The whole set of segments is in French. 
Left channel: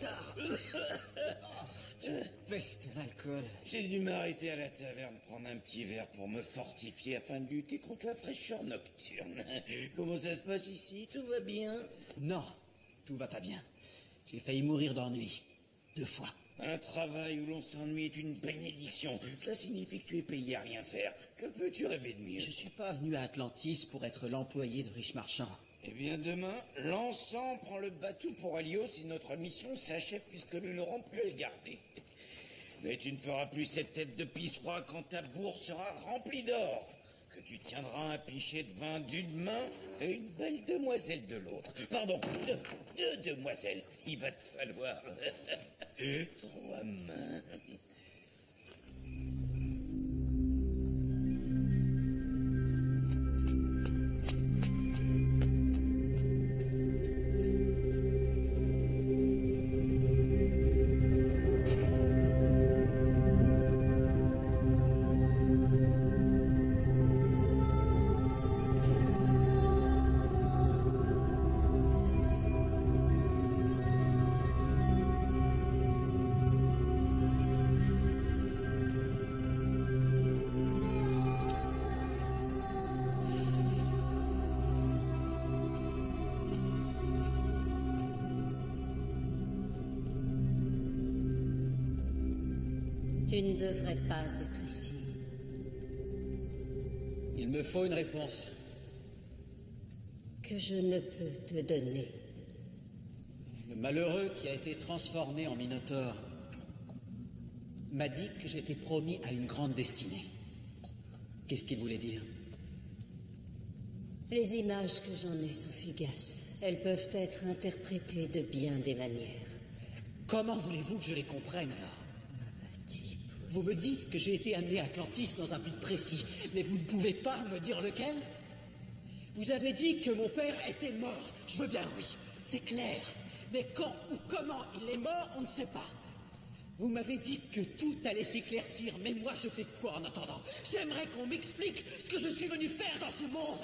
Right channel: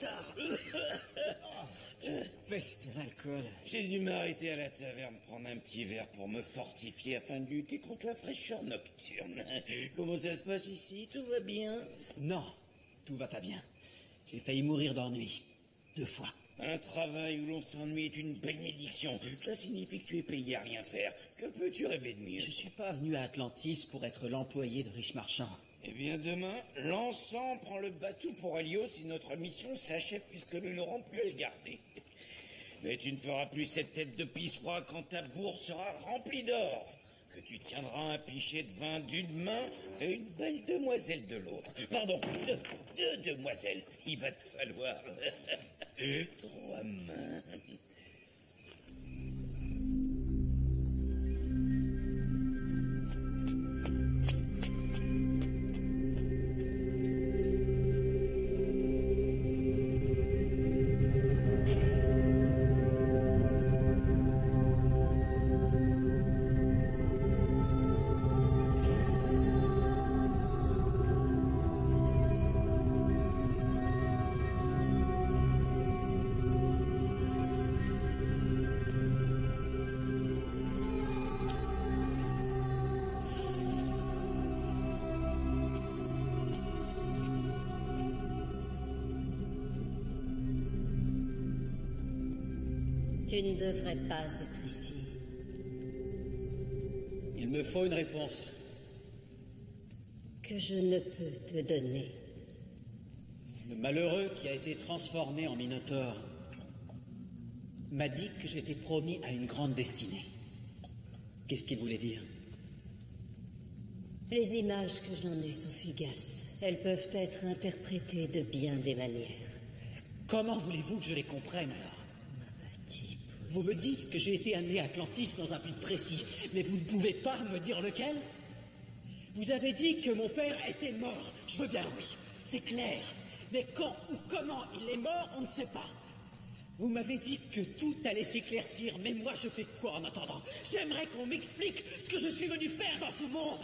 bâtard. Tu pestes l'alcool. J'ai dû m'arrêter à la taverne prendre un petit verre pour me fortifier afin de lutter contre la fraîcheur nocturne. Comment ça se passe ici? Tout va bien? Non, tout va pas bien. J'ai failli mourir d'ennui. 2 fois. Un travail où l'on s'ennuie est une bénédiction. Cela signifie que tu es payé à rien faire. Que peux-tu rêver de mieux? Je suis pas venu à Atlantis pour être l'employé de riches marchands. Eh bien, demain, l'encens prend le bateau pour Helios et notre mission s'achève puisque nous n'aurons plus à le garder. Mais tu ne feras plus cette tête de pissoir quand ta bourse sera remplie d'or. Que tu tiendras un pichet de vin d'une main et une belle demoiselle de l'autre. Pardon, deux demoiselles. Il va te falloir 3 mains. Tu ne devrais pas être ici. Il me faut une réponse. Que je ne peux te donner. Le malheureux qui a été transformé en Minotaure m'a dit que j'étais promis à une grande destinée. Qu'est-ce qu'il voulait dire? Les images que j'en ai sont fugaces. Elles peuvent être interprétées de bien des manières. Comment voulez-vous que je les comprenne alors? Vous me dites que j'ai été amené à Atlantis dans un but précis, mais vous ne pouvez pas me dire lequel? Vous avez dit que mon père était mort. Je veux bien, oui, c'est clair. Mais quand ou comment il est mort, on ne sait pas. Vous m'avez dit que tout allait s'éclaircir, mais moi je fais quoi en attendant? J'aimerais qu'on m'explique ce que je suis venu faire dans ce monde.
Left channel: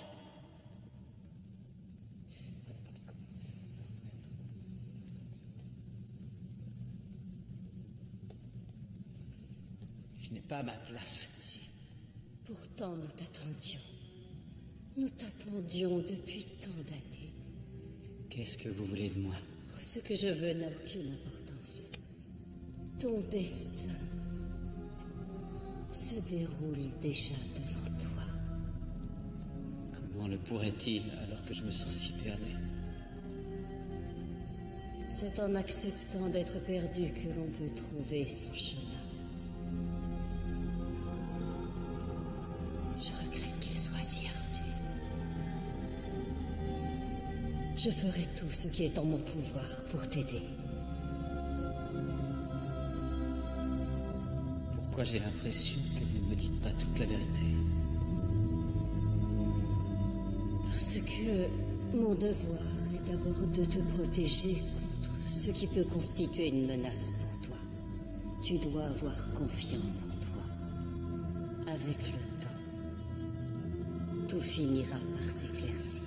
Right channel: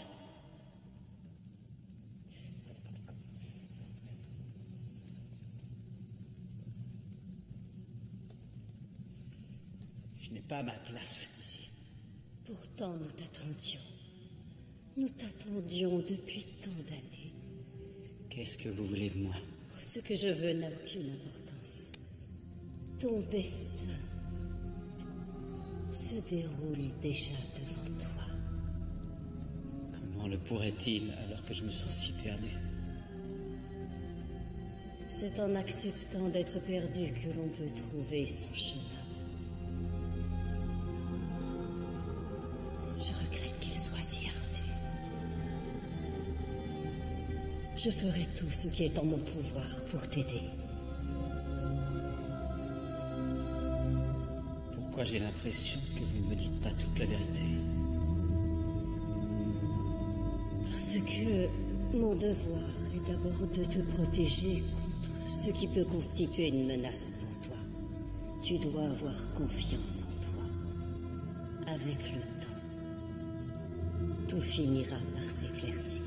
Je n'ai pas ma place ici. Pourtant, nous t'attendions. Nous t'attendions depuis tant d'années. Qu'est-ce que vous voulez de moi? Ce que je veux n'a aucune importance. Ton destin se déroule déjà devant toi. Comment le pourrait-il alors que je me sens si perdu? C'est en acceptant d'être perdu que l'on peut trouver son chemin. Je regrette qu'il soit si ardu. Je ferai tout ce qui est en mon pouvoir pour t'aider. Pourquoi j'ai l'impression que vous ne me dites pas toute la vérité? Parce que mon devoir est d'abord de te protéger contre ce qui peut constituer une menace pour toi. Tu dois avoir confiance en toi. Avec le temps, tout finira par s'éclaircir.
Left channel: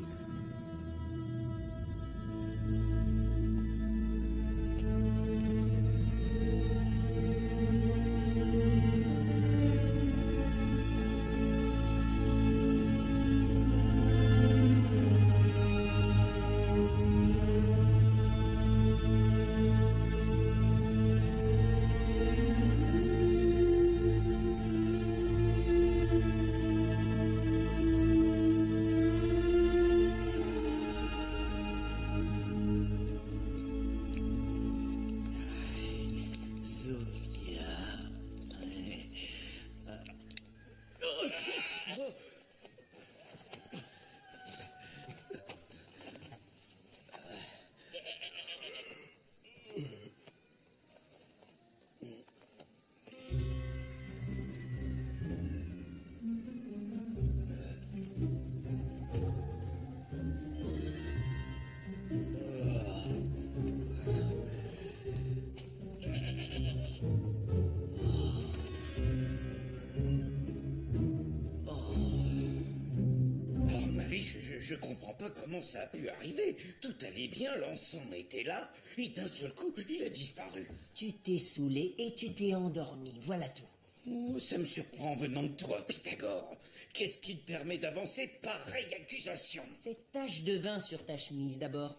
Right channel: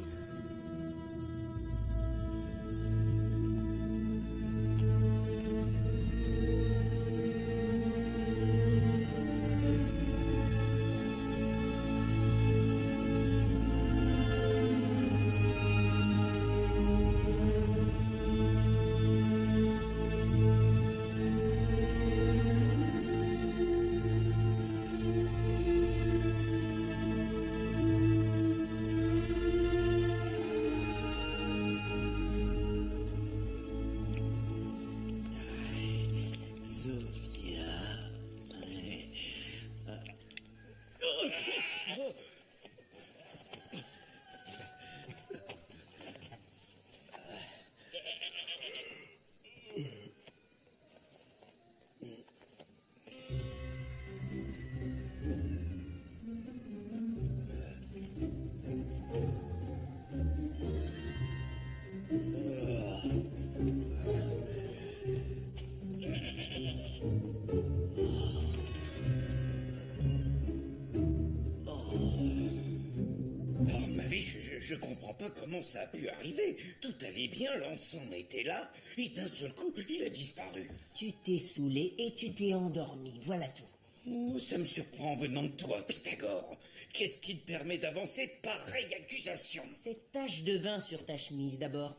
je comprends pas comment ça a pu arriver. Tout allait bien, l'encens était là, et d'un seul coup, il a disparu. Tu t'es saoulé et tu t'es endormi, voilà tout. Oh, ça me surprend venant de toi, Pythagore. Qu'est-ce qui te permet d'avancer pareille accusation? Cette tache de vin sur ta chemise, d'abord.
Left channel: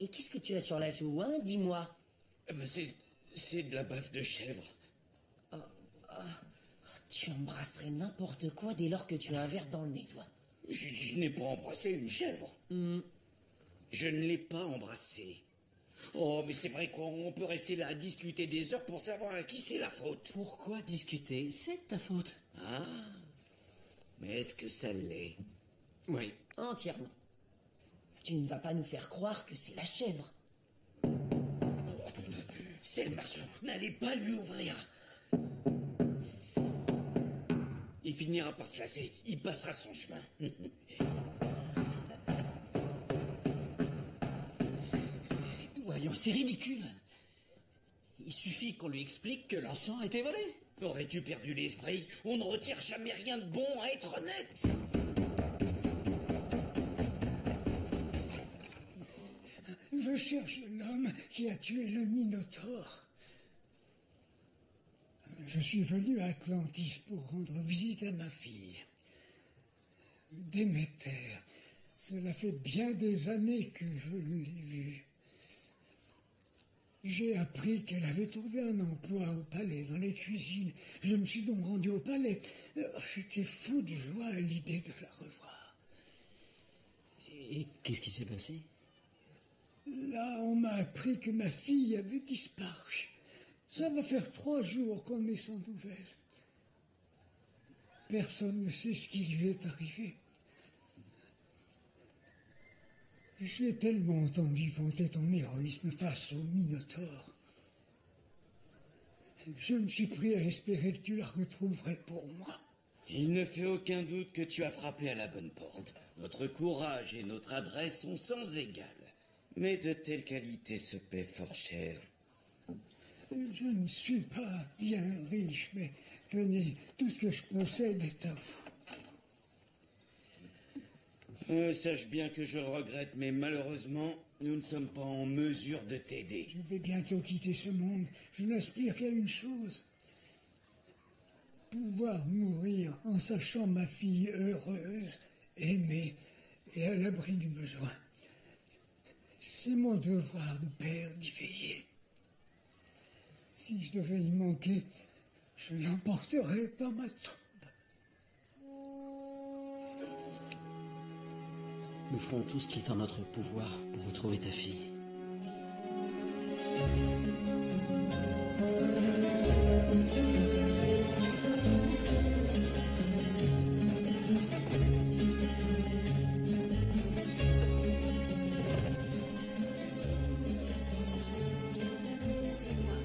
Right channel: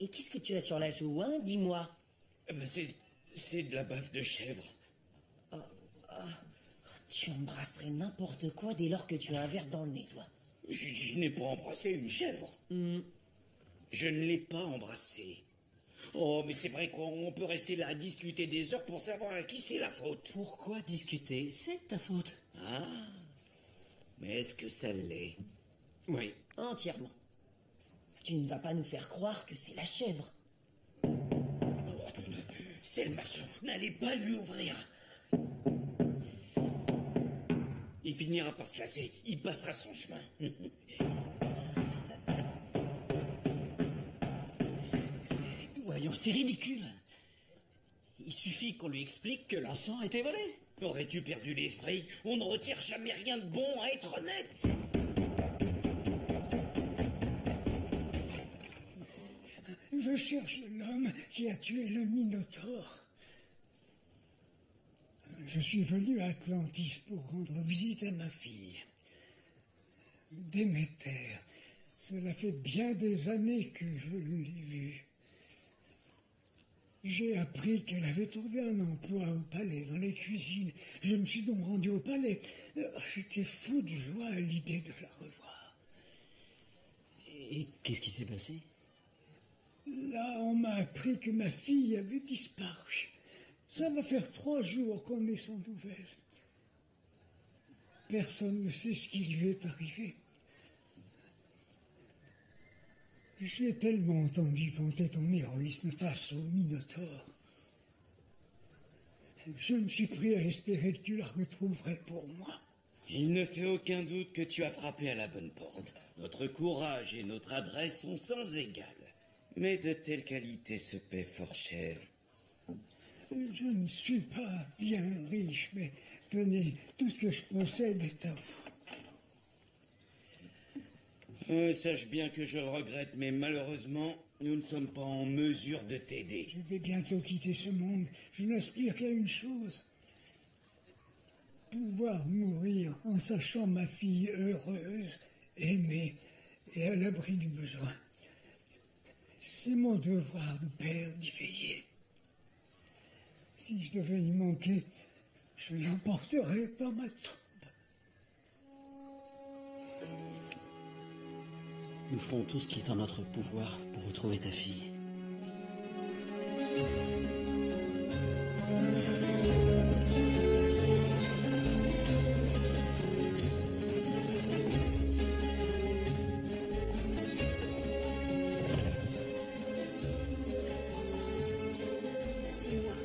Et qu'est-ce que tu as sur la joue, hein? Dis-moi. C'est de la baffe de chèvre. Tu embrasserais n'importe quoi dès lors que tu as un verre dans le nez, toi. Je n'ai pas embrassé une chèvre. Je ne l'ai pas embrassée. Oh, mais c'est vrai qu'on peut rester là à discuter des heures pour savoir à qui c'est la faute. Pourquoi discuter? C'est ta faute. Ah, mais est-ce que ça l'est? Oui. Entièrement. Tu ne vas pas nous faire croire que c'est la chèvre. C'est le marchand. N'allez pas lui ouvrir. Il finira par se lasser. Il passera son chemin. Voyons, c'est ridicule. Il suffit qu'on lui explique que l'encens a été volé. Aurais-tu perdu l'esprit? On ne retire jamais rien de bon à être honnête. Je cherche l'homme qui a tué le Minotaure. Je suis venu à Atlantis pour rendre visite à ma fille. Déméter. Cela fait bien des années que je l'ai vue. J'ai appris qu'elle avait trouvé un emploi au palais, dans les cuisines. Je me suis donc rendu au palais. J'étais fou de joie à l'idée de la revoir. Et qu'est-ce qui s'est passé? Là, on m'a appris que ma fille avait disparu. Ça va faire 3 jours qu'on est sans nouvelles. Personne ne sait ce qui lui est arrivé. J'ai tellement entendu vanter ton héroïsme face au Minotaure. Je me suis pris à espérer que tu la retrouverais pour moi. Il ne fait aucun doute que tu as frappé à la bonne porte. Notre courage et notre adresse sont sans égal. Mais de telles qualités se paient fort cher. Je ne suis pas bien riche, mais tenez, tout ce que je possède est à vous. Sache bien que je le regrette, mais malheureusement, nous ne sommes pas en mesure de t'aider. Je vais bientôt quitter ce monde. Je n'aspire qu'à une chose. Pouvoir mourir en sachant ma fille heureuse, aimée et à l'abri du besoin. C'est mon devoir de père d'y veiller. Si je devais y manquer, je l'emporterais dans ma tombe. Nous ferons tout ce qui est en notre pouvoir pour retrouver ta fille. Suis-moi.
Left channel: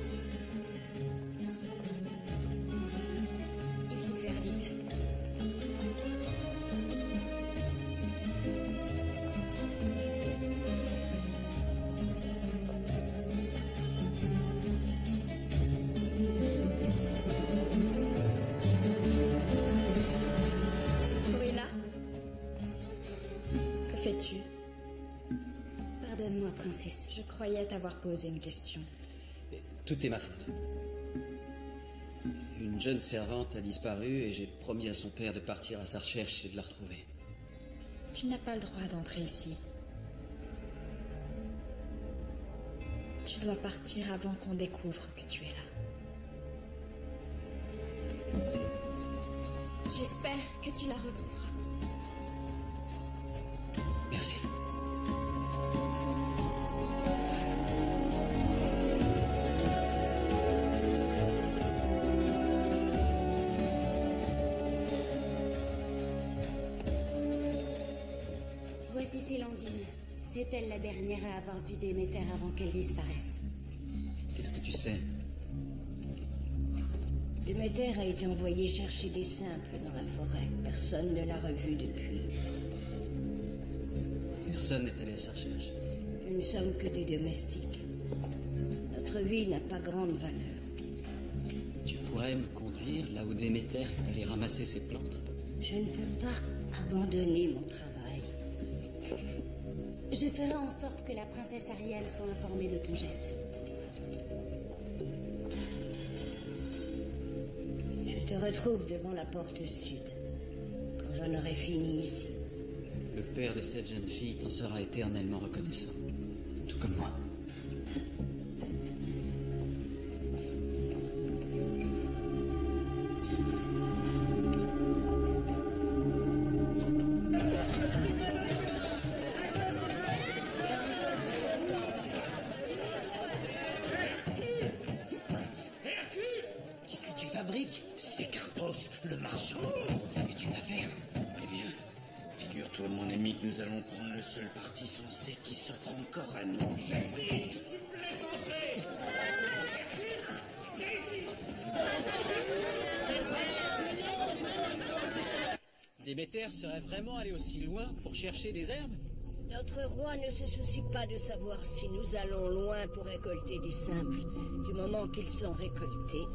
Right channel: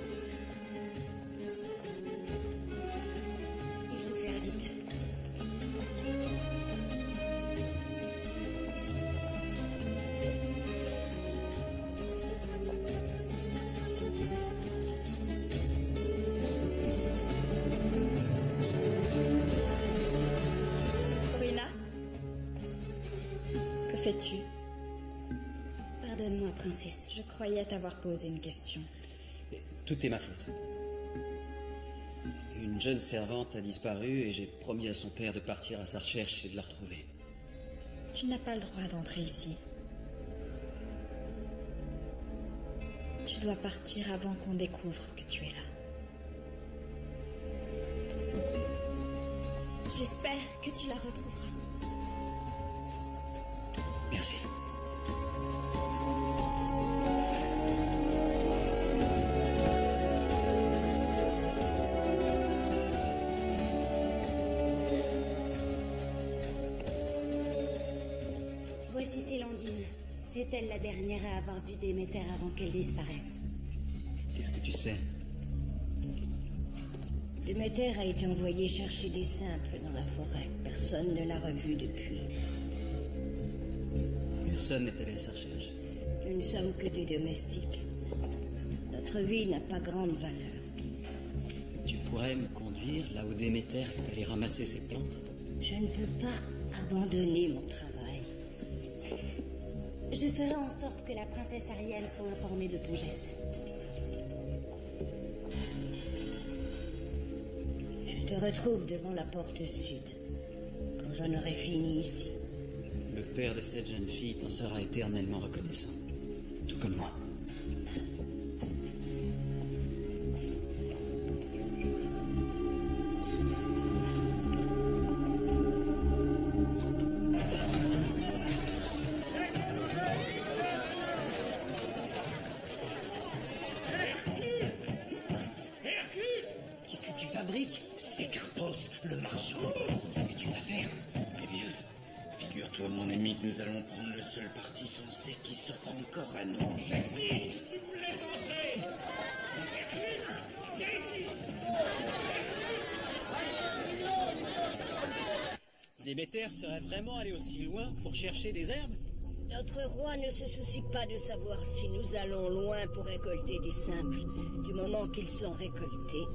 Il faut faire vite. Corina, que fais-tu? Pardonne-moi, princesse. Je croyais t'avoir posé une question. Tout est ma faute. Une jeune servante a disparu et j'ai promis à son père de partir à sa recherche et de la retrouver. Tu n'as pas le droit d'entrer ici. Tu dois partir avant qu'on découvre que tu es là. J'espère que tu la retrouveras. Merci. Voici Célandine. C'est elle la dernière à avoir vu Déméter avant qu'elle disparaisse. Qu'est-ce que tu sais? Déméter a été envoyé chercher des simples dans la forêt. Personne ne l'a revu depuis. Personne n'est allé à sa recherche? Nous ne sommes que des domestiques. Notre vie n'a pas grande valeur. Tu pourrais me conduire là où Déméter est allé ramasser ses plantes? Je ne peux pas abandonner mon travail. Je ferai en sorte que la princesse Ariane soit informée de ton geste. Je te retrouve devant la porte sud, quand j'en aurai fini ici. Le père de cette jeune fille t'en sera éternellement reconnaissant. Tout comme moi. Qu'est-ce que tu fabriques? C'est Carpos, le marchand. Qu'est-ce que tu vas faire? Eh bien, figure-toi, mon ami, que nous allons prendre le seul parti sensé qui s'offre encore à nous. J'exige que tu me laisses entrer. Hercule, viens ici. Déméter serait vraiment allé aussi loin pour chercher des herbes? Notre roi ne se soucie pas de savoir si nous allons loin pour récolter des simples. Du moment qu'ils sont récoltés,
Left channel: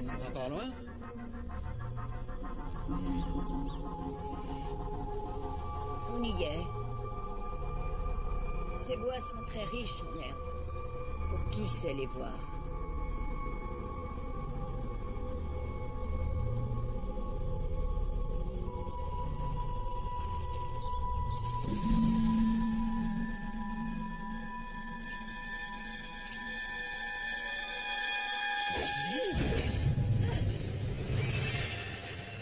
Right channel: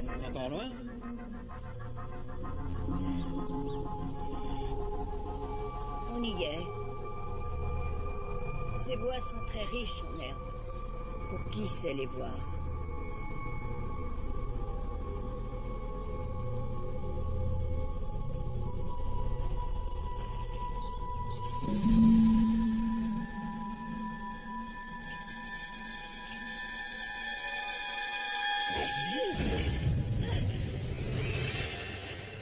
C'est encore loin? on y est. Ces bois sont très riches en herbes. Pour qui sait les voir?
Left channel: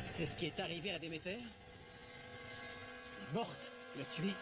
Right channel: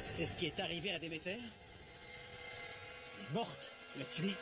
C'est ce qui est arrivé à Déméter? Elle est morte. Tu l'as tuée?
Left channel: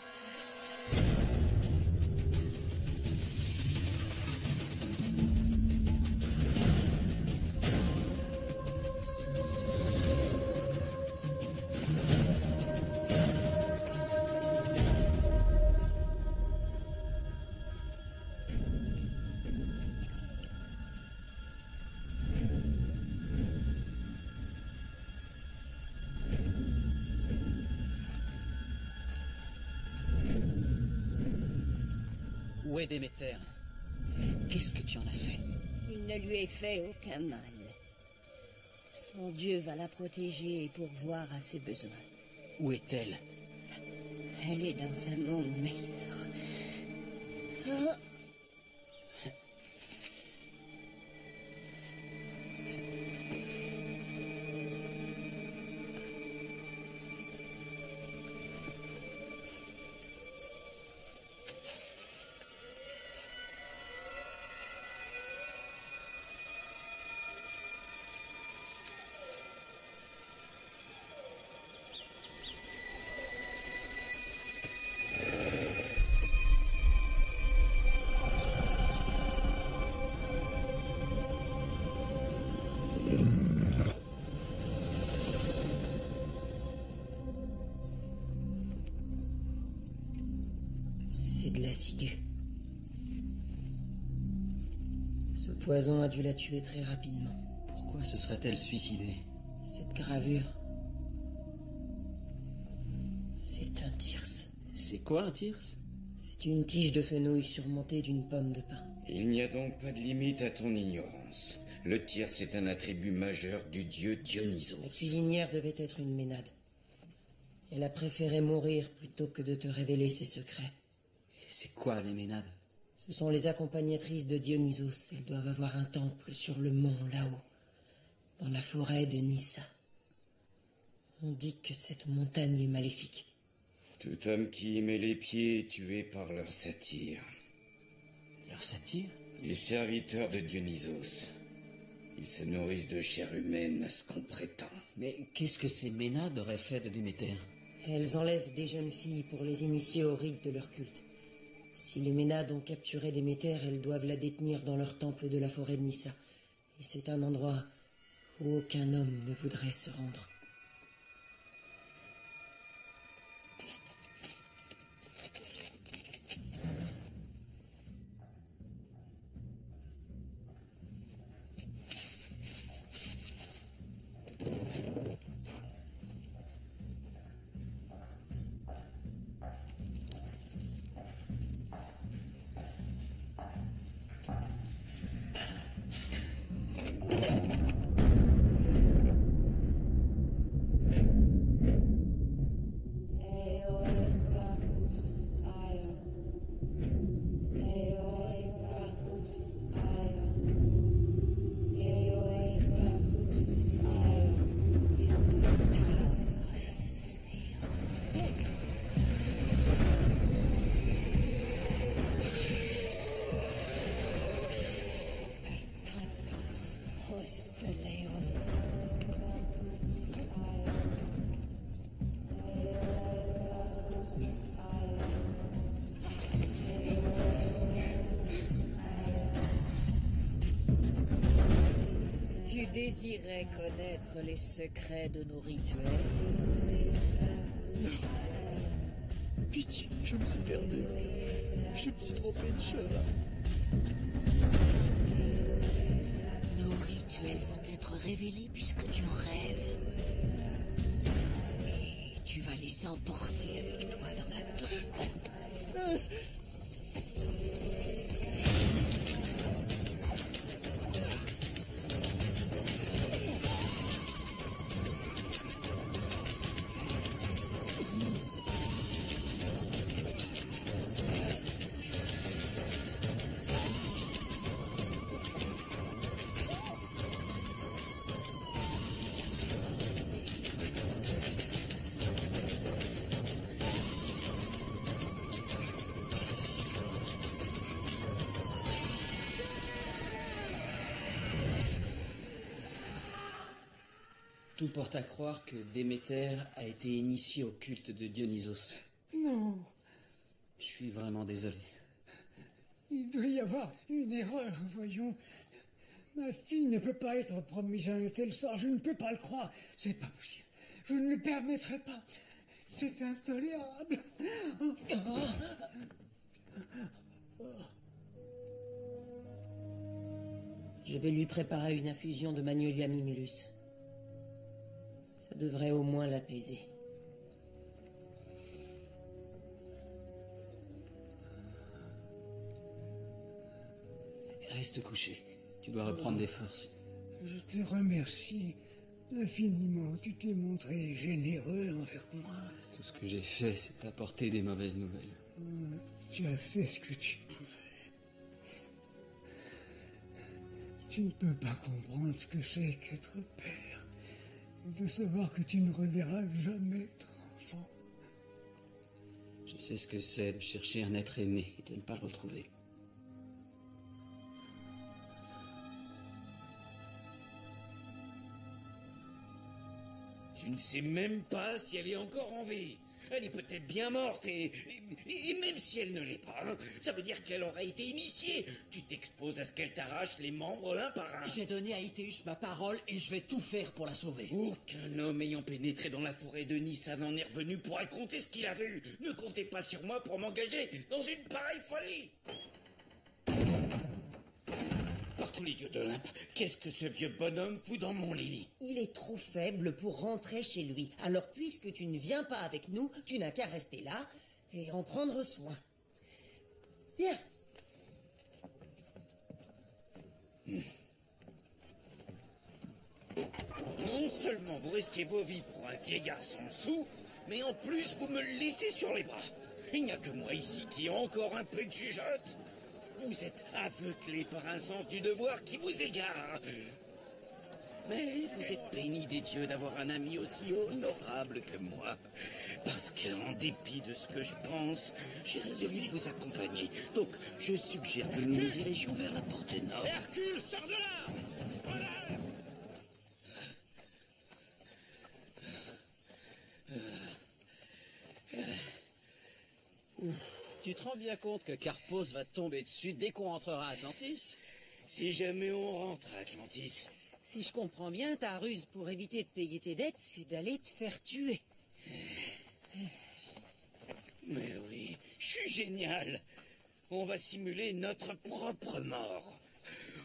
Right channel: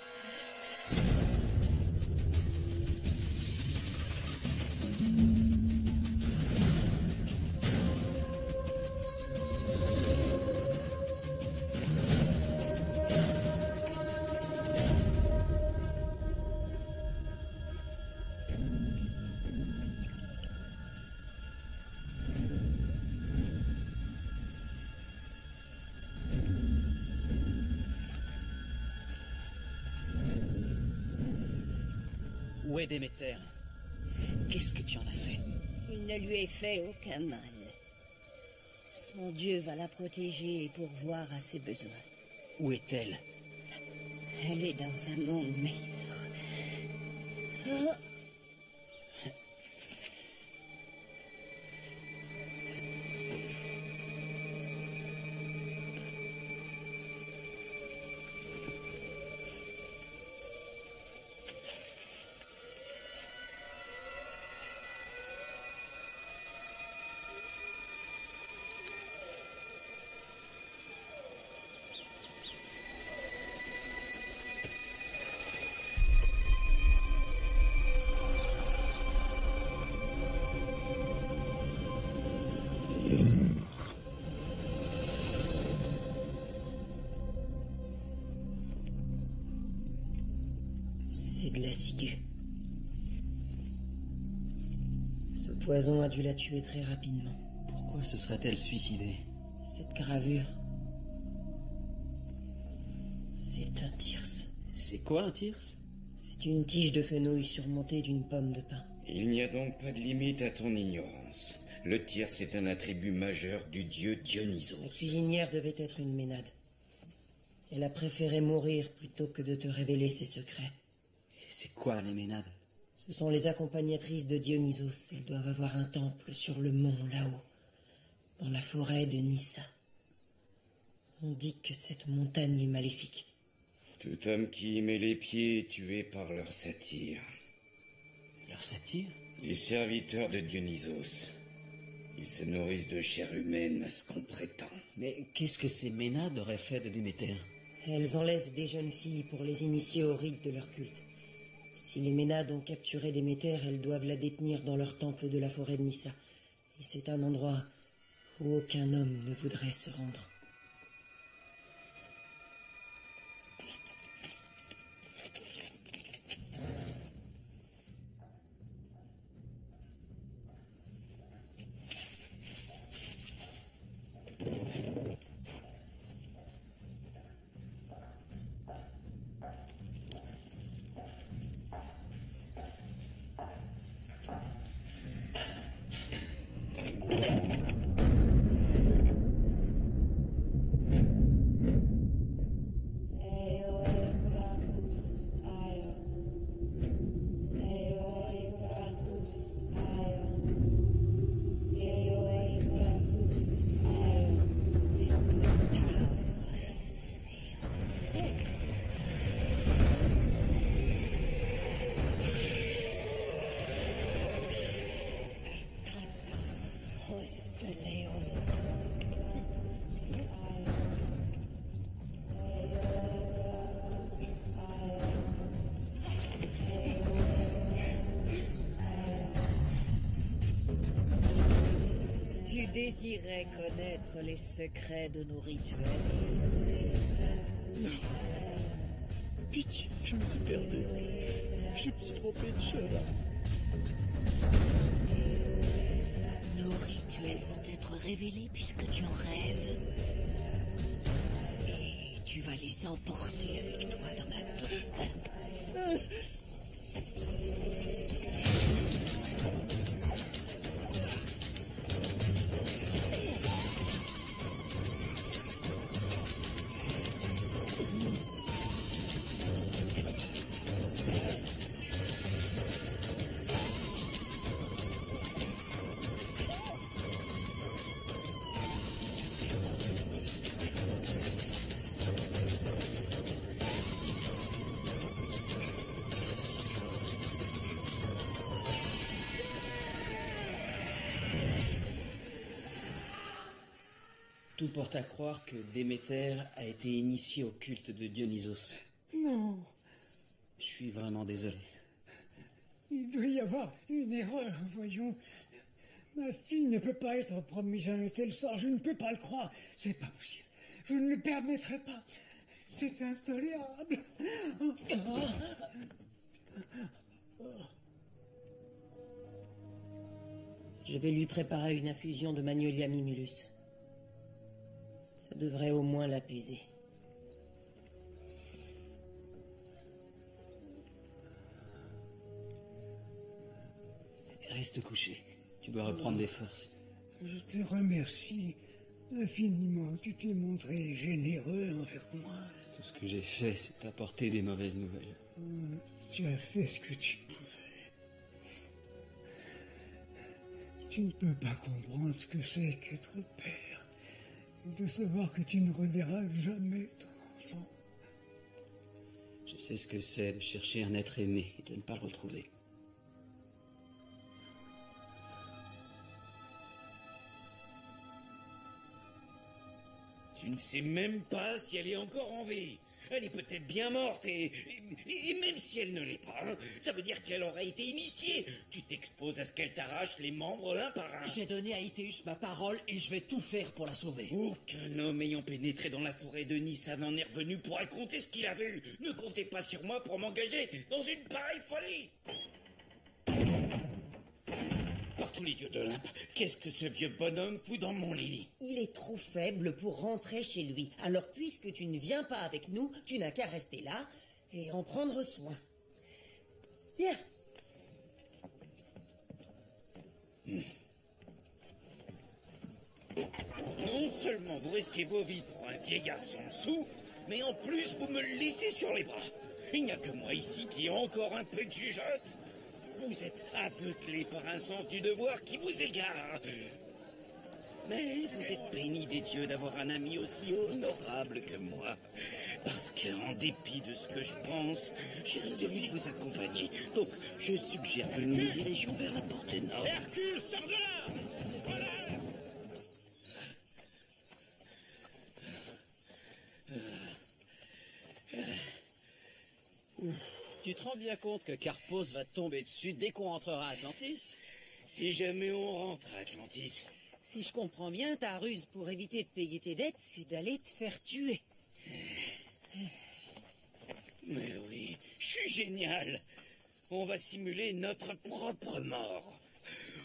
Où est Déméter? Qu'est-ce que tu en as fait? Il ne lui est fait aucun mal. Son Dieu va la protéger et pourvoir à ses besoins. Où est-elle? Elle est dans un monde meilleur. Oh. C'est de la ciguë. Ce poison a dû la tuer très rapidement. Pourquoi se serait-elle suicidée? Cette gravure, c'est un thyrse. C'est quoi un thyrse? C'est une tige de fenouil surmontée d'une pomme de pin. Il n'y a donc pas de limite à ton ignorance. Le thyrse est un attribut majeur du dieu Dionysos. La cuisinière devait être une ménade. Elle a préféré mourir plutôt que de te révéler ses secrets. C'est quoi les ménades? Ce sont les accompagnatrices de Dionysos. Elles doivent avoir un temple sur le mont, là-haut, dans la forêt de Nyssa. On dit que cette montagne est maléfique. Tout homme qui y met les pieds est tué par leur satire. Leur satire? Les serviteurs de Dionysos. Ils se nourrissent de chair humaine, à ce qu'on prétend. Mais qu'est-ce que ces ménades auraient fait de Déméter? Elles enlèvent des jeunes filles pour les initier aux rites de leur culte. Si les Ménades ont capturé Déméter, elles doivent la détenir dans leur temple de la forêt de Nyssa. Et c'est un endroit où aucun homme ne voudrait se rendre. Tu désirais connaître les secrets de nos rituels? Pitié, je me suis perdu. Je me suis trompé de chemin. Nos rituels vont être révélés puisque tu en rêves. Et tu vas les emporter avec toi dans la tombe. Tout porte à croire que Déméter a été initié au culte de Dionysos. Non, Je suis vraiment désolé. il doit y avoir une erreur, voyons. Ma fille ne peut pas être promise à un tel sort, je ne peux pas le croire. C'est pas possible. Je ne le permettrai pas. C'est intolérable. Je vais lui préparer une infusion de Magnolia mimulus. Ça devrait au moins l'apaiser. Reste couché. Tu dois reprendre des forces. Je te remercie infiniment. Tu t'es montré généreux envers moi. Tout ce que j'ai fait, c'est t'apporter des mauvaises nouvelles. Tu as fait ce que tu pouvais. Tu ne peux pas comprendre ce que c'est qu'être père. Et de savoir que tu ne reverras jamais ton enfant. Je sais ce que c'est de chercher un être aimé et de ne pas le retrouver. Tu ne sais même pas si elle est encore en vie. Elle est peut-être bien morte et même si elle ne l'est pas, hein, ça veut dire qu'elle aurait été initiée. Tu t'exposes à ce qu'elle t'arrache les membres l'un par un. J'ai donné à Ithéus ma parole et je vais tout faire pour la sauver. Aucun homme ayant pénétré dans la forêt de Nyssa n'en est revenu pour raconter ce qu'il a vu. Ne comptez pas sur moi pour m'engager dans une pareille folie. Par tous les dieux d'Olympe, qu'est-ce que ce vieux bonhomme fout dans mon lit? Il est trop faible pour rentrer chez lui. Alors puisque tu ne viens pas avec nous, tu n'as qu'à rester là et en prendre soin. Viens. Non seulement vous risquez vos vies pour un vieillard sans dessous, mais en plus vous me le laissez sur les bras. Il n'y a que moi ici qui ai encore un peu de jugeote. Vous êtes aveuglé par un sens du devoir qui vous égare. Mais vous êtes béni des dieux d'avoir un ami aussi honorable que moi. Parce qu'en dépit de ce que je pense, j'ai résolu de vous accompagner. Donc, je suggère que nous nous dirigions vers la porte nord. Hercule, sors de là! Voilà! Tu te rends bien compte que Carpos va te tomber dessus dès qu'on rentrera à Atlantis? Si jamais on rentre à Atlantis, Si je comprends bien, ta ruse pour éviter de payer tes dettes, c'est d'aller te faire tuer. mais oui, je suis génial. On va simuler notre propre mort.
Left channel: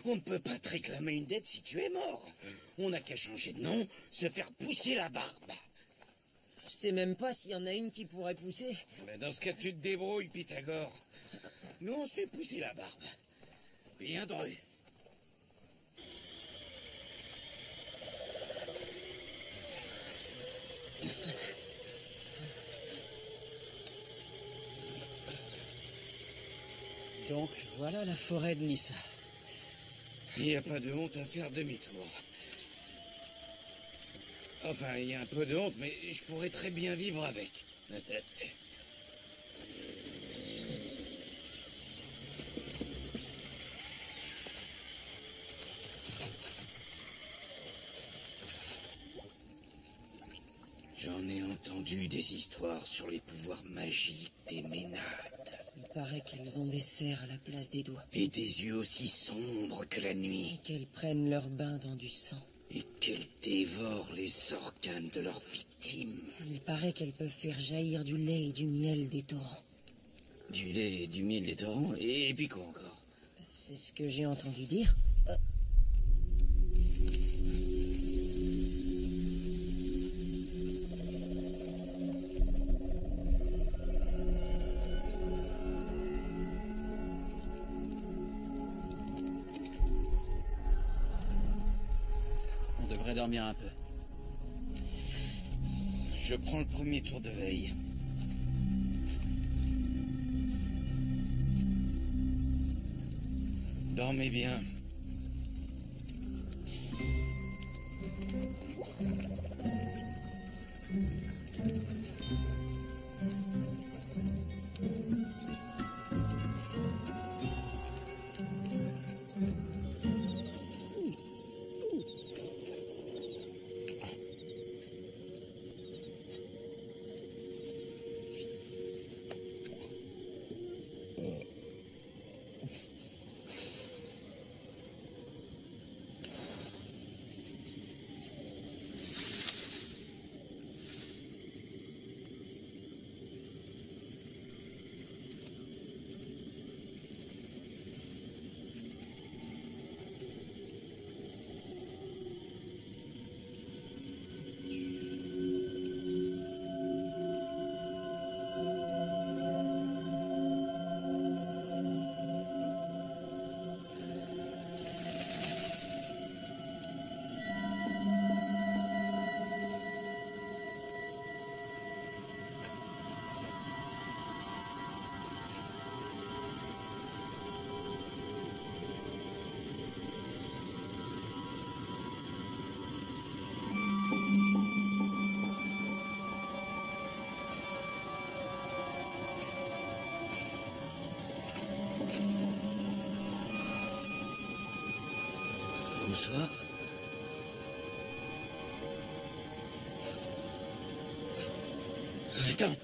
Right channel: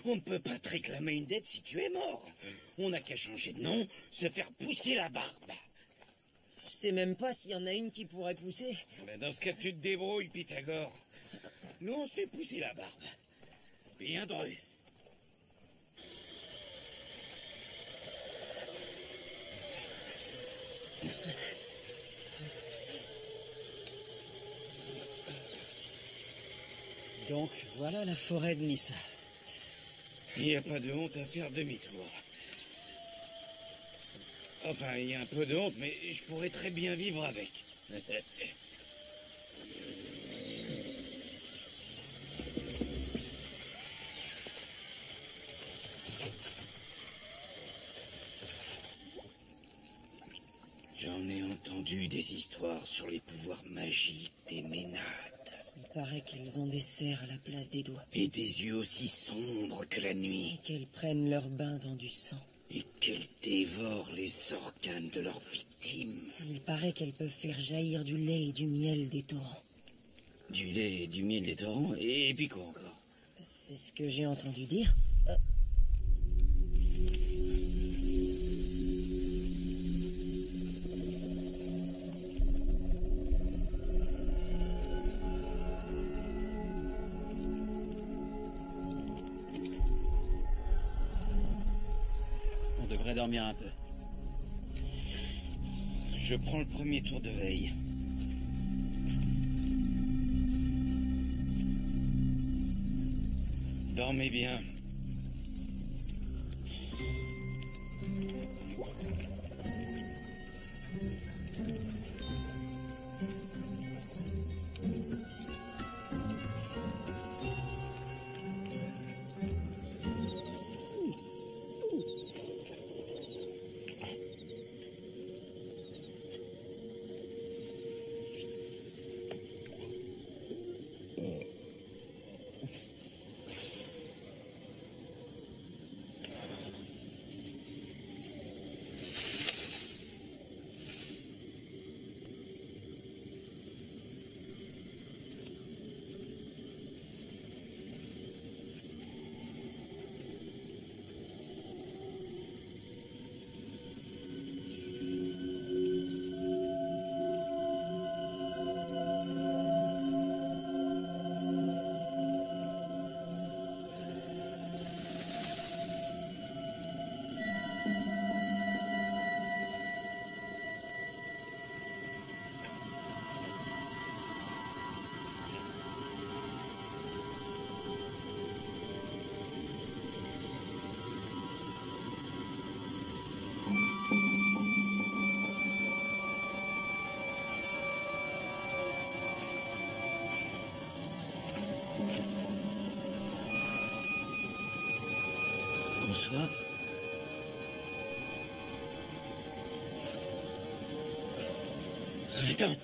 On ne peut pas te réclamer une dette si tu es mort. On n'a qu'à changer de nom, se faire pousser la barbe. Je sais même pas s'il y en a une qui pourrait pousser. Ben dans ce cas, tu te débrouilles, Pythagore. Nous, on se fait pousser la barbe. Bien dru. Donc, voilà la forêt de Nissa. Il n'y a pas de honte à faire demi-tour. Enfin, il y a un peu de honte, mais je pourrais très bien vivre avec. J'en ai entendu des histoires sur les pouvoirs magiques des Ménades. Il paraît qu'elles ont des serres à la place des doigts. Et des yeux aussi sombres que la nuit. Et qu'elles prennent leur bain dans du sang. Et qu'elles dévorent les organes de leurs victimes. Il paraît qu'elles peuvent faire jaillir du lait et du miel des torrents. Du lait et du miel des torrents, et puis quoi encore? C'est ce que j'ai entendu dire. On devrait dormir un peu. Je prends le premier tour de veille. Dormez bien. Bonsoir. Attends.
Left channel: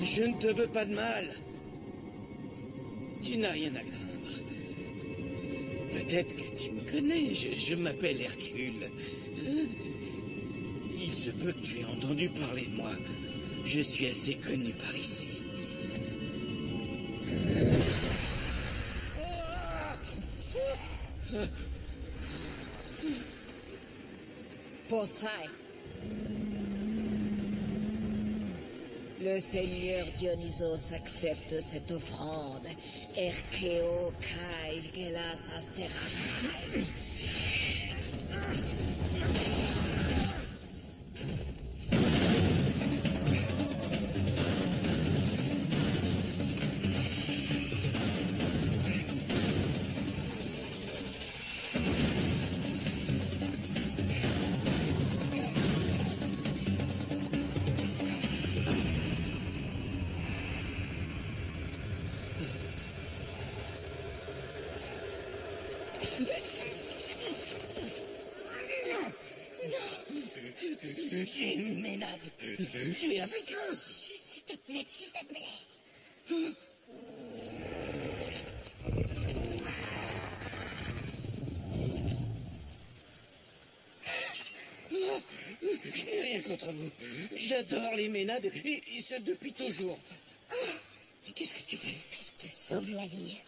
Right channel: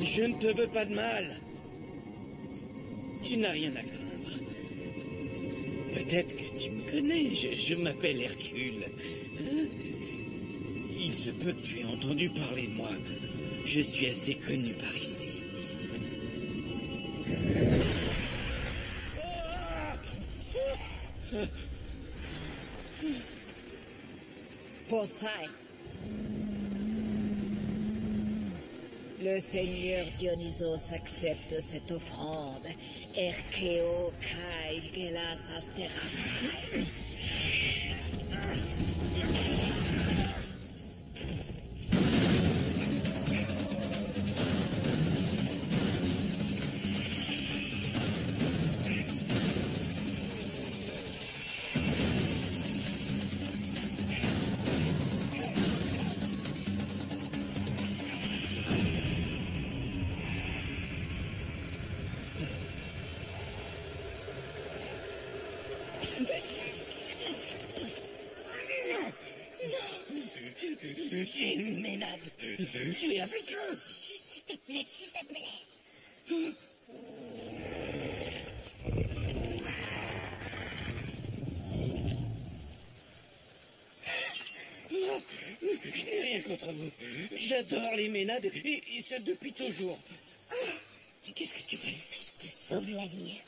Je ne te veux pas de mal. Tu n'as rien à craindre. Peut-être que tu me connais, je m'appelle Hercule. Il se peut que tu aies entendu parler de moi. Je suis assez connu par ici. Poseidon. Le seigneur Dionysos accepte cette offrande. Erkeo kai gelas asterasai. Tu es une ménade. Tu es avec eux. S'il te plaît, s'il te plaît. contre vous. J'adore les Ménades, et ce depuis toujours. Qu'est-ce que tu fais? Je te sauve la vie.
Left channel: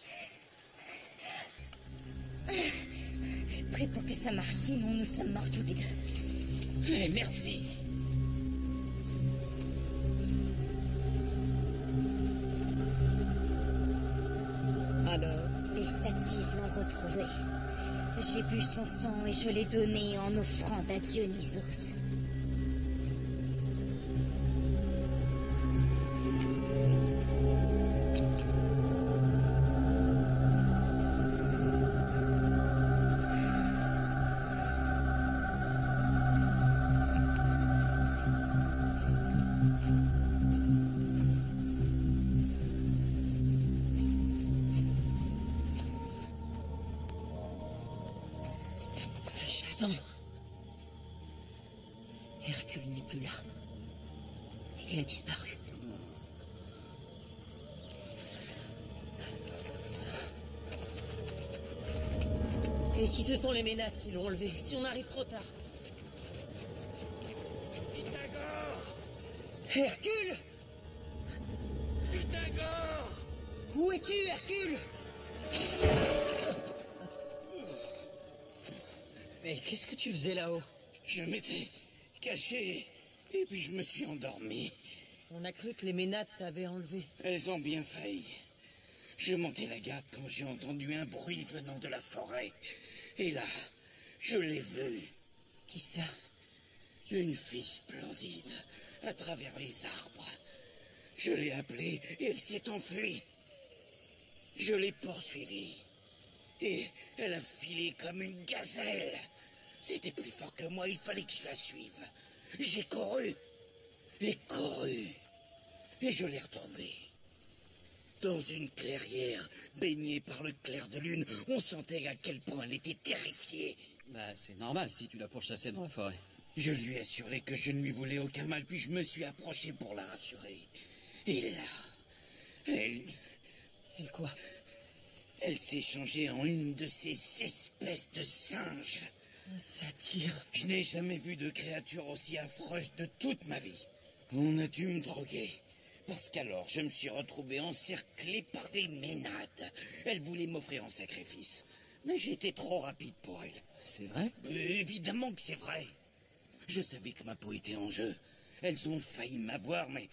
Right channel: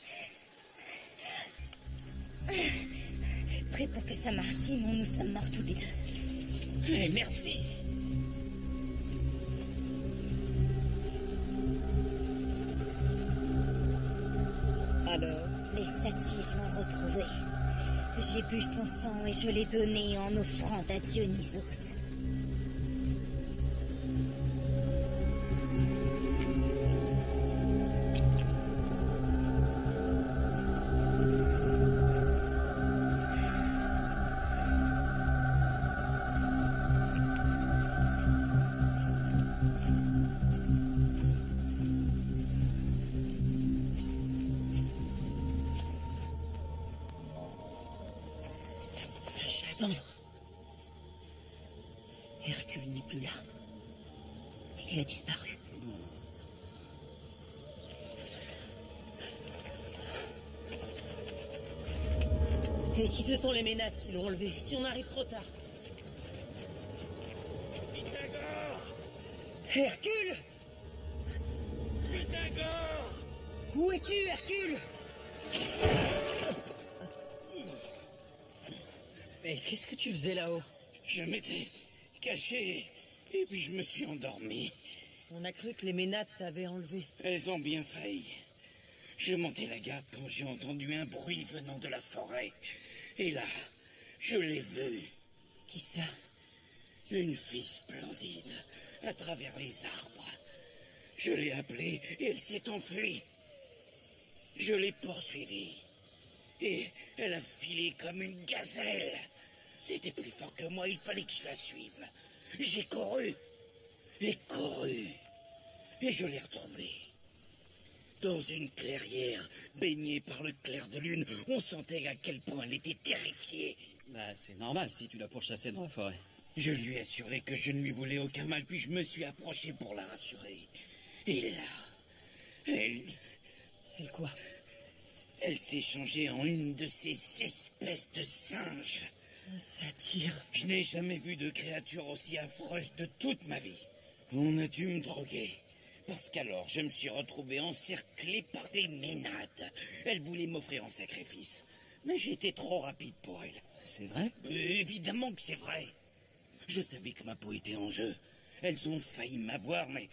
Prêt pour que ça marche, sinon nous sommes morts tous les deux. Eh, merci. Alors? Les satyres l'ont retrouvé. J'ai bu son sang et je l'ai donné en offrande à Dionysos. Jason. Hercule n'est plus là. Il a disparu. Et si ce sont les Ménades qui l'ont enlevé? Si on arrive trop tard? Pythagore! Hercule! Pythagore! Où es-tu, Hercule? Mais qu'est-ce que tu faisais là-haut? Je m'étais caché, et puis je me suis endormi. On a cru que les Ménades t'avaient enlevé. Elles ont bien failli. Je montais la garde quand j'ai entendu un bruit venant de la forêt. Et là, je l'ai vue. Qui ça? Une fille splendide, à travers les arbres. Je l'ai appelée et elle s'est enfuie. Je l'ai poursuivie. Et elle a filé comme une gazelle. C'était plus fort que moi, il fallait que je la suive. J'ai couru. Et couru. Et je l'ai retrouvée. Dans une clairière, baignée par le clair de lune, on sentait à quel point elle était terrifiée. Bah, c'est normal si tu la pourchassais dans la forêt. Je lui ai assuré que je ne lui voulais aucun mal, puis je me suis approché pour la rassurer. Et là, Elle quoi? elle s'est changée en une de ces espèces de singes. Un satyre. Je n'ai jamais vu de créature aussi affreuse de toute ma vie. On a dû me droguer. Parce qu'alors, je me suis retrouvé encerclé par des Ménades. Elle voulait m'offrir en sacrifice. Mais j'étais trop rapide pour elle. C'est vrai? Évidemment que c'est vrai. Je savais que ma peau était en jeu. Elles ont failli m'avoir, mais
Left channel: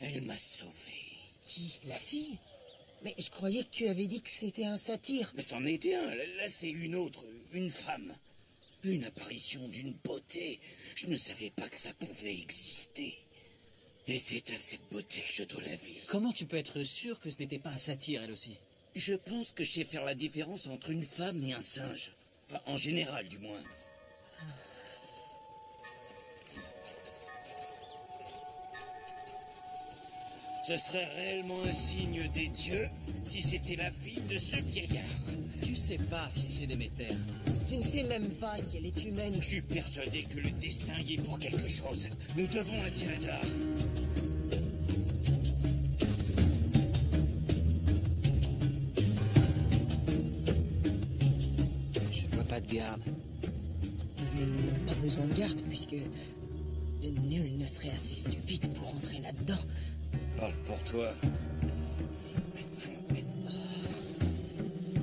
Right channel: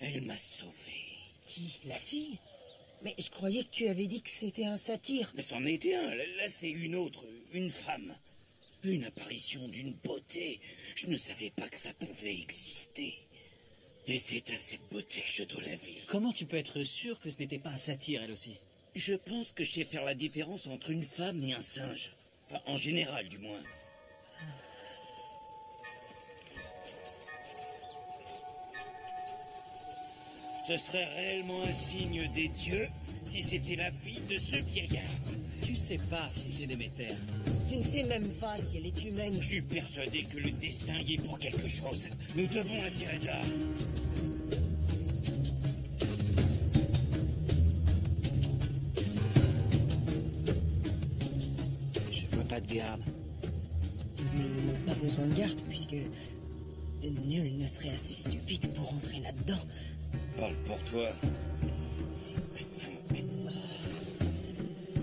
elle m'a sauvé. Qui? La fille? Mais je croyais que tu avais dit que c'était un satyre. Mais c'en était un. Là, c'est une autre, une femme. Une apparition d'une beauté. Je ne savais pas que ça pouvait exister. Et c'est à cette beauté que je dois la vie. Comment tu peux être sûr que ce n'était pas un satyre, elle aussi? Je pense que je sais faire la différence entre une femme et un singe. Enfin, en général, du moins. Ce serait réellement un signe des dieux si c'était la fille de ce vieillard. Tu sais pas si c'est Déméter. Tu ne sais même pas si elle est humaine. Je suis persuadé que le destin y est pour quelque chose. Nous devons la tirer de là. Je vois pas de garde. Mais ils n'ont pas besoin de garde, puisque nul ne serait assez stupide pour entrer là-dedans. Parle pour toi.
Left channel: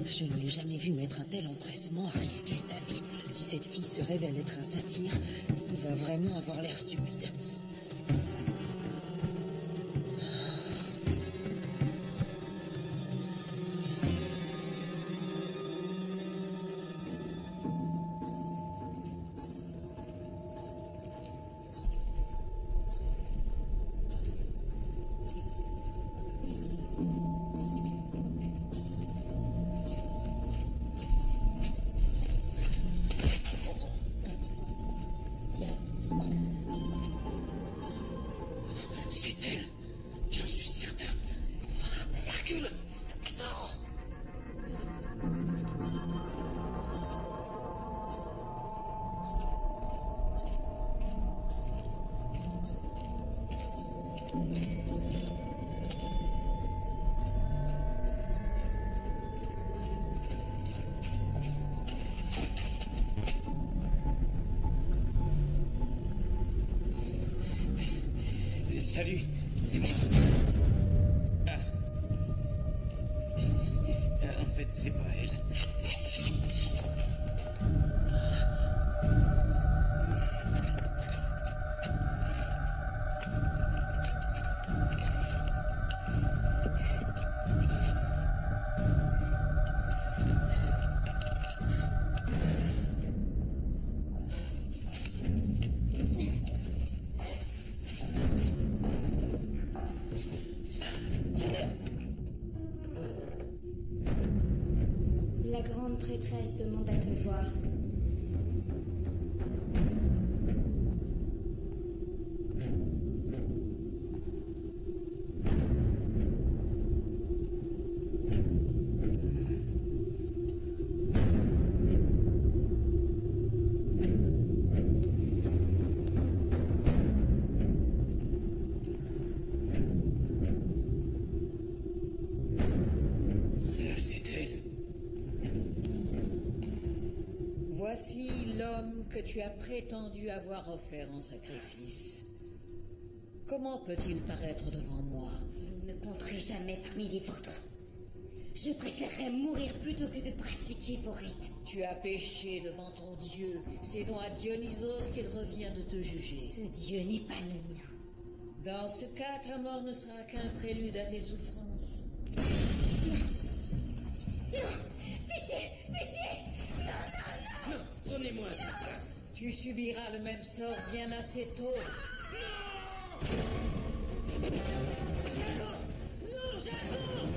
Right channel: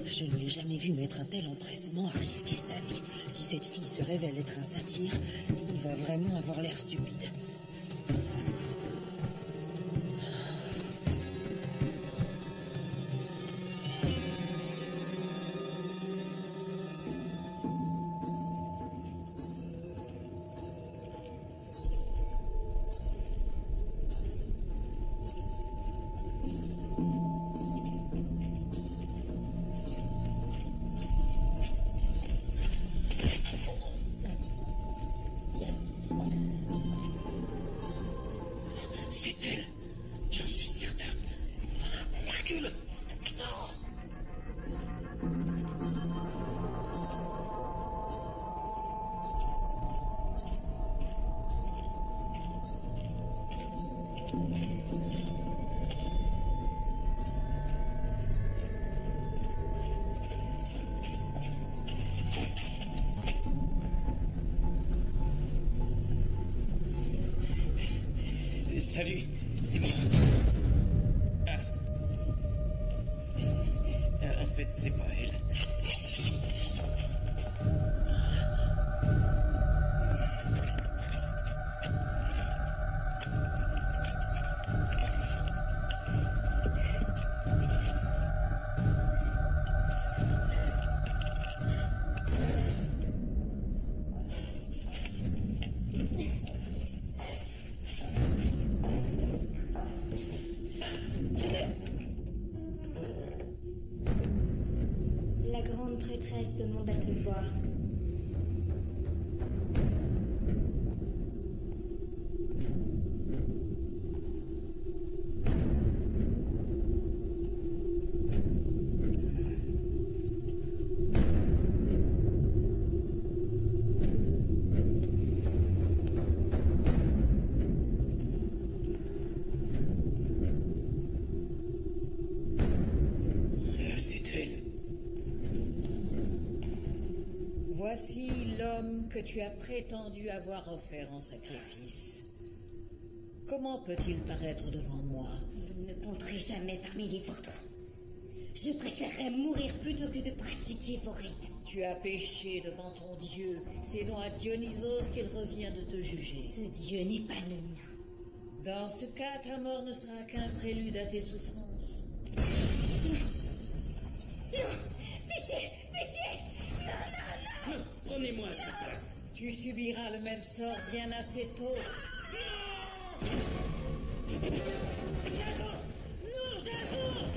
Je ne l'ai jamais vu mettre un tel empressement à risquer sa vie. Si cette fille se révèle être un satyre, il va vraiment avoir l'air stupide. Salut, c'est moi. Ah. En fait, c'est pas elle. La grande prêtresse demande à te voir. Là, c'est elle. Voici l'homme que tu as prétendu avoir offert en sacrifice. Comment peut-il paraître devant moi? Vous ne me compterez jamais parmi les vôtres. Je préférerais mourir plutôt que de pratiquer vos rites. Tu as péché devant ton Dieu. C'est donc à Dionysos qu'il revient de te juger. Ce Dieu n'est pas le mien. Dans ce cas, ta mort ne sera qu'un prélude à tes souffrances. Non. Non. Pitié. Pitié. Non, non, non. Non, prenez-moi à sa place. Tu subiras le même sort bien assez tôt. Non! Jason! Non, Jason!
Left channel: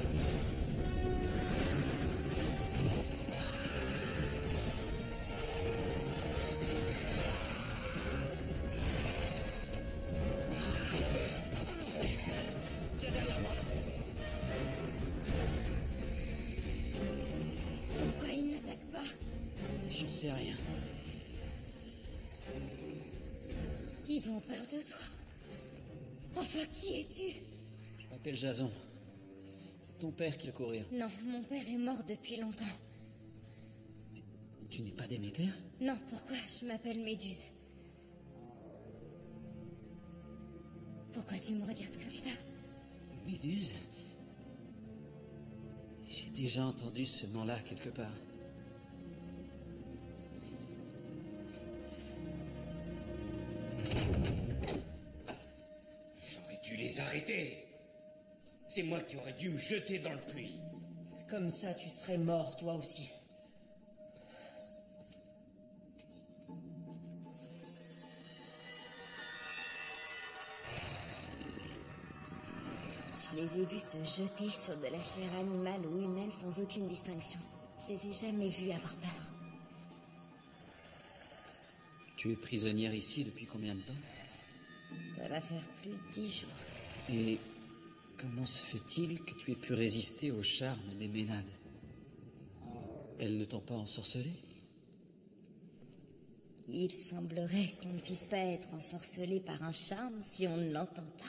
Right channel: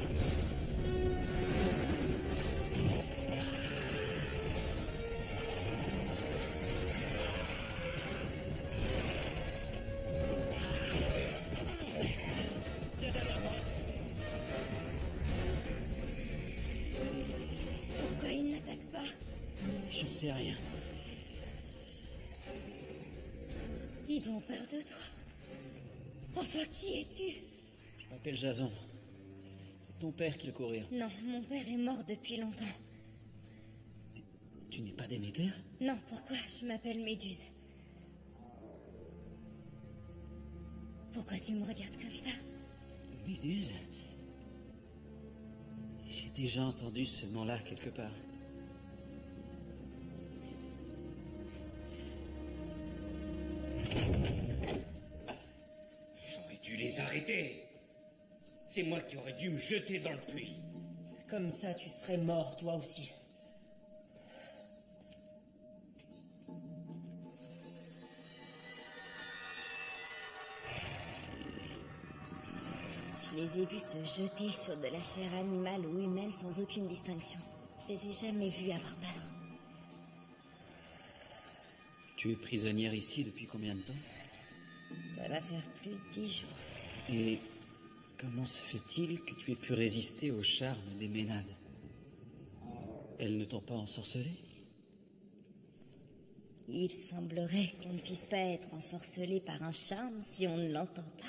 Viens derrière moi. Pourquoi il n'attaque pas? J'en sais rien. Ils ont peur de toi. Enfin, qui es-tu? Je m'appelle Jason. C'est ton père qui le courir. Non, mon père est mort depuis longtemps. Mais tu n'es pas Déméter? Non, pourquoi? Je m'appelle Méduse. Pourquoi tu me regardes comme ça? Méduse? J'ai déjà entendu ce nom-là quelque part. J'aurais dû les arrêter. C'est moi qui aurais dû me jeter dans le puits. Comme ça, tu serais mort, toi aussi. Je les ai vus se jeter sur de la chair animale ou humaine sans aucune distinction. Je les ai jamais vus avoir peur. Tu es prisonnière ici depuis combien de temps? Ça va faire plus de 10 jours. Et comment se fait-il que tu aies pu résister au charme des Ménades? Elles ne t'ont pas ensorcelé? Il semblerait qu'on ne puisse pas être ensorcelé par un charme si on ne l'entend pas.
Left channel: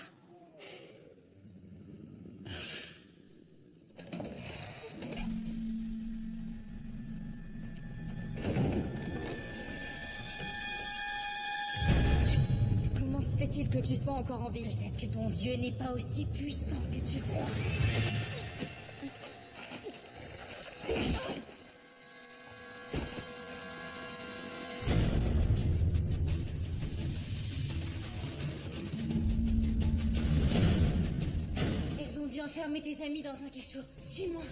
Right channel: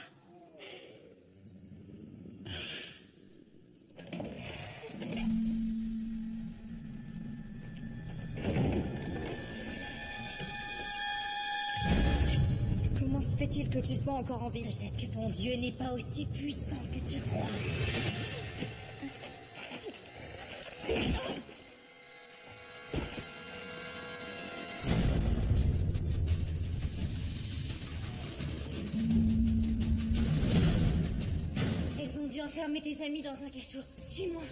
Comment se fait-il que tu sois encore en vie? Peut-être que ton Dieu n'est pas aussi puissant que tu crois. Elles ont dû enfermer tes amis dans un cachot. Suis-moi.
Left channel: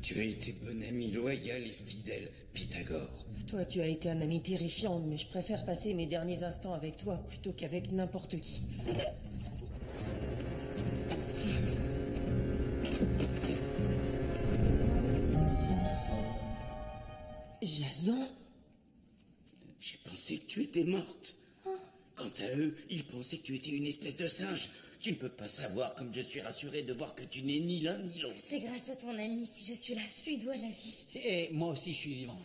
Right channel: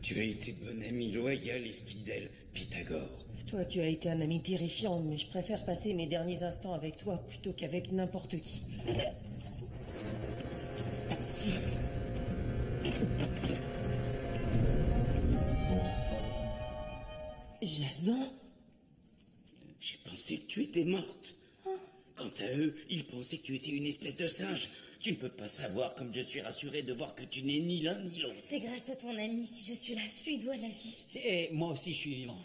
Tu as été bon ami loyal et fidèle, Pythagore. Toi, tu as été un ami terrifiant, mais je préfère passer mes derniers instants avec toi plutôt qu'avec n'importe qui. Jason? J'ai pensé que tu étais morte. Quant à eux, ils pensaient que tu étais une espèce de singe. Tu ne peux pas savoir comme je suis rassuré de voir que tu n'es ni l'un ni l'autre. C'est grâce à ton ami si je suis là. Je lui dois la vie. Et moi aussi, je suis vivant.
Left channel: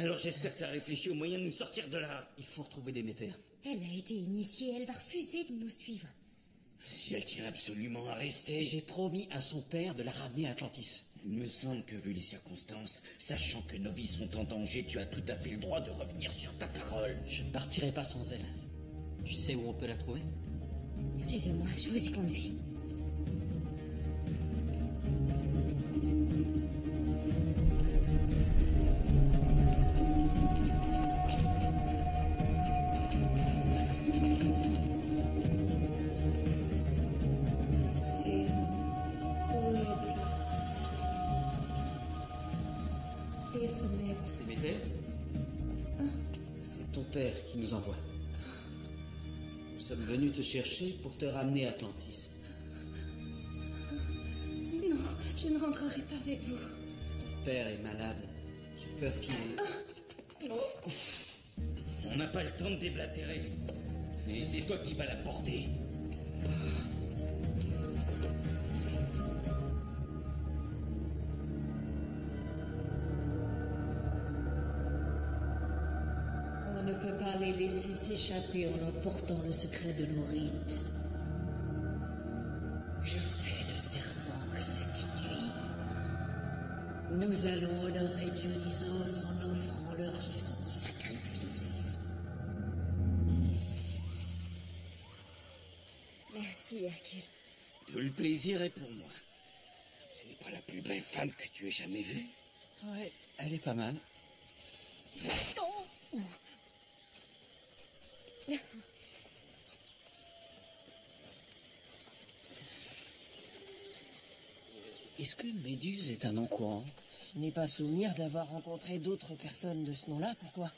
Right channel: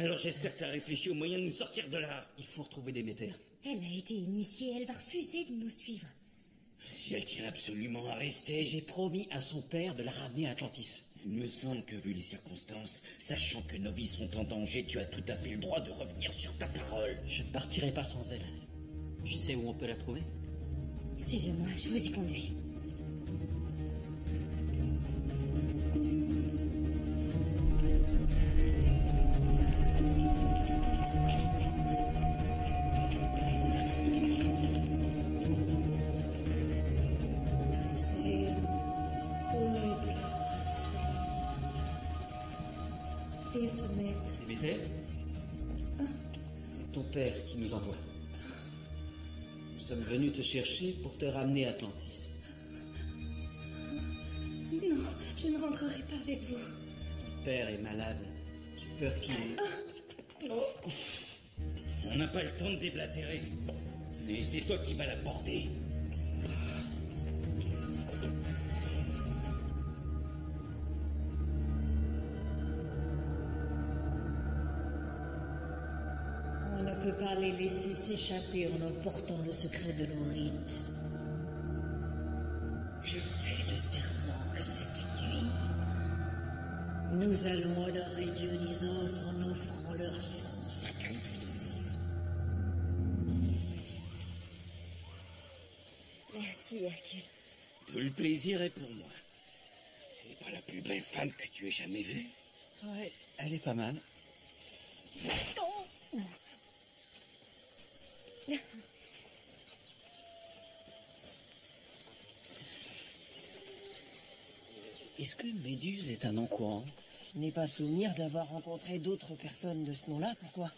Alors j'espère que tu as réfléchi au moyen de nous sortir de là. Il faut retrouver Déméter. Elle a été initiée, elle va refuser de nous suivre. Si elle tient absolument à rester... J'ai promis à son père de la ramener à Atlantis. Il me semble que, vu les circonstances, sachant que nos vies sont en danger, tu as tout à fait le droit de revenir sur ta parole. Je ne partirai pas sans elle. Tu sais où on peut la trouver? Suivez-moi, je vous y conduis. Déméter? C'est ton père qui nous envoie. Nous sommes venus te chercher pour te ramener à Atlantis. Non, je ne rentrerai pas avec vous. Ton père est malade. J'ai peur qu'il... On n'a pas le temps de déblatérer. Et c'est toi qui vas la porter. On ne peut pas les laisser s'échapper en emportant le secret de nos rites. Je fais le serment que cette nuit, nous allons honorer Dionysos en offrant leur sang en sacrifice. Merci, Hercule. Tout le plaisir est pour moi. Ce n'est pas la plus belle femme que tu aies jamais vue. Ouais, elle est pas mal. Est-ce que Méduse est un nom courant? Je n'ai pas souvenir d'avoir rencontré d'autres personnes de ce nom-là, pourquoi?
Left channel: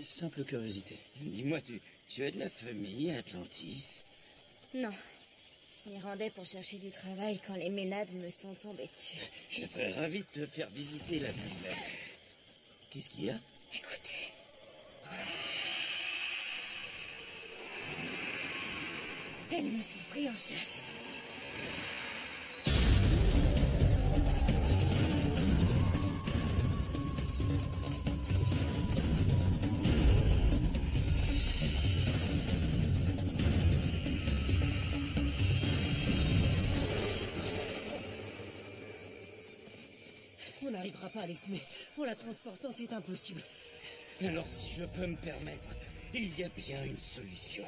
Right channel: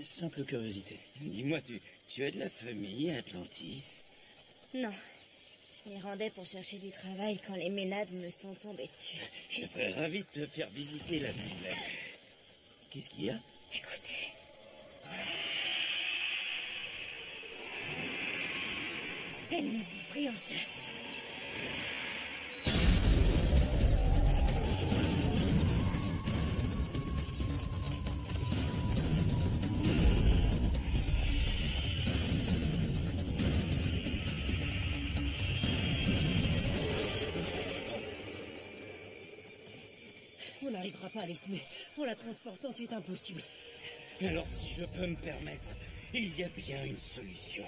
Simple curiosité. Dis-moi, tu as de la famille à Atlantis? Non. Je m'y rendais pour chercher du travail quand les Ménades me sont tombés dessus. Je serais ravi de te faire visiter la ville. Qu'est-ce qu'il y a? Écoutez. Elles nous ont pris en chasse. On n'arrivera pas à les semer. En la transportant, c'est impossible. Alors, si je peux me permettre, il y a bien une solution.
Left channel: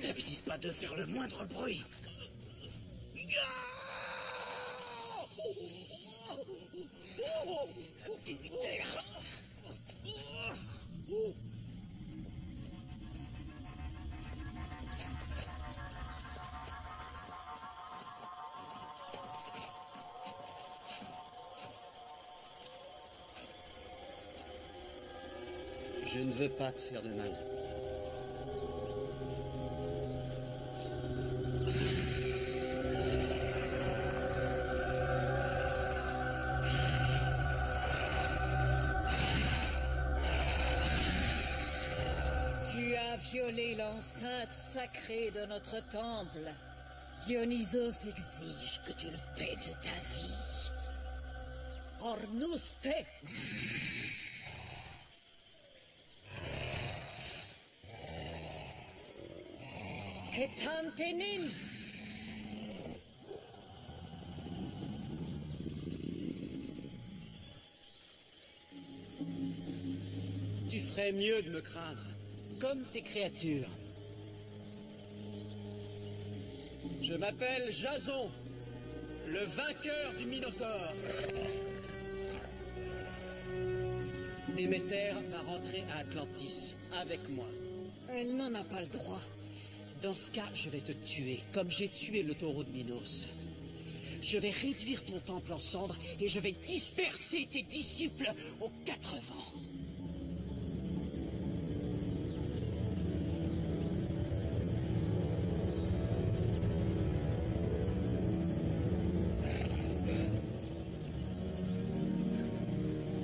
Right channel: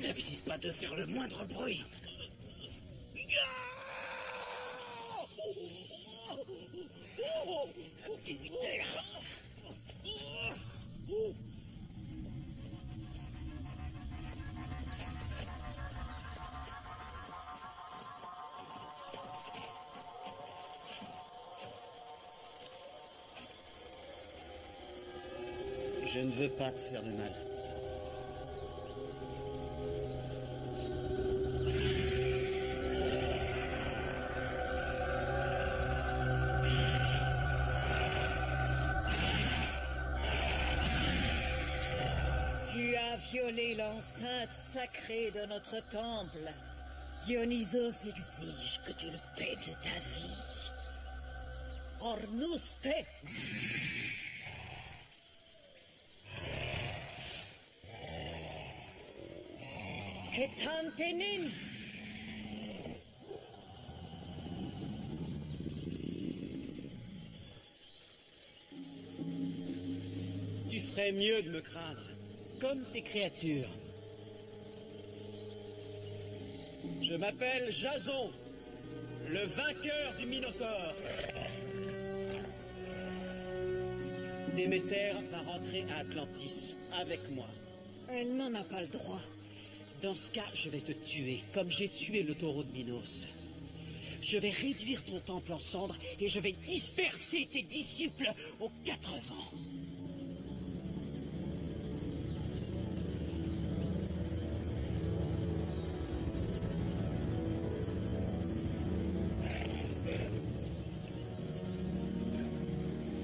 N'avise pas de faire le moindre bruit. Je ne veux pas te faire de mal. Tu as violé l'enceinte sacrée de notre temple. Dionysos exige que tu le paies de ta vie. Ornuste! Ketantenin! Tu ferais mieux de me craindre, comme tes créatures. Je m'appelle Jason, le vainqueur du Minotaure. Déméter va rentrer à Atlantis avec moi. Elle n'en a pas le droit. Dans ce cas, je vais te tuer, comme j'ai tué le taureau de Minos. Je vais réduire ton temple en cendres et je vais disperser tes disciples aux quatre vents.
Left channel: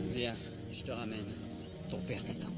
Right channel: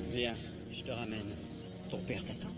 Viens, je te ramène. Ton père t'attend.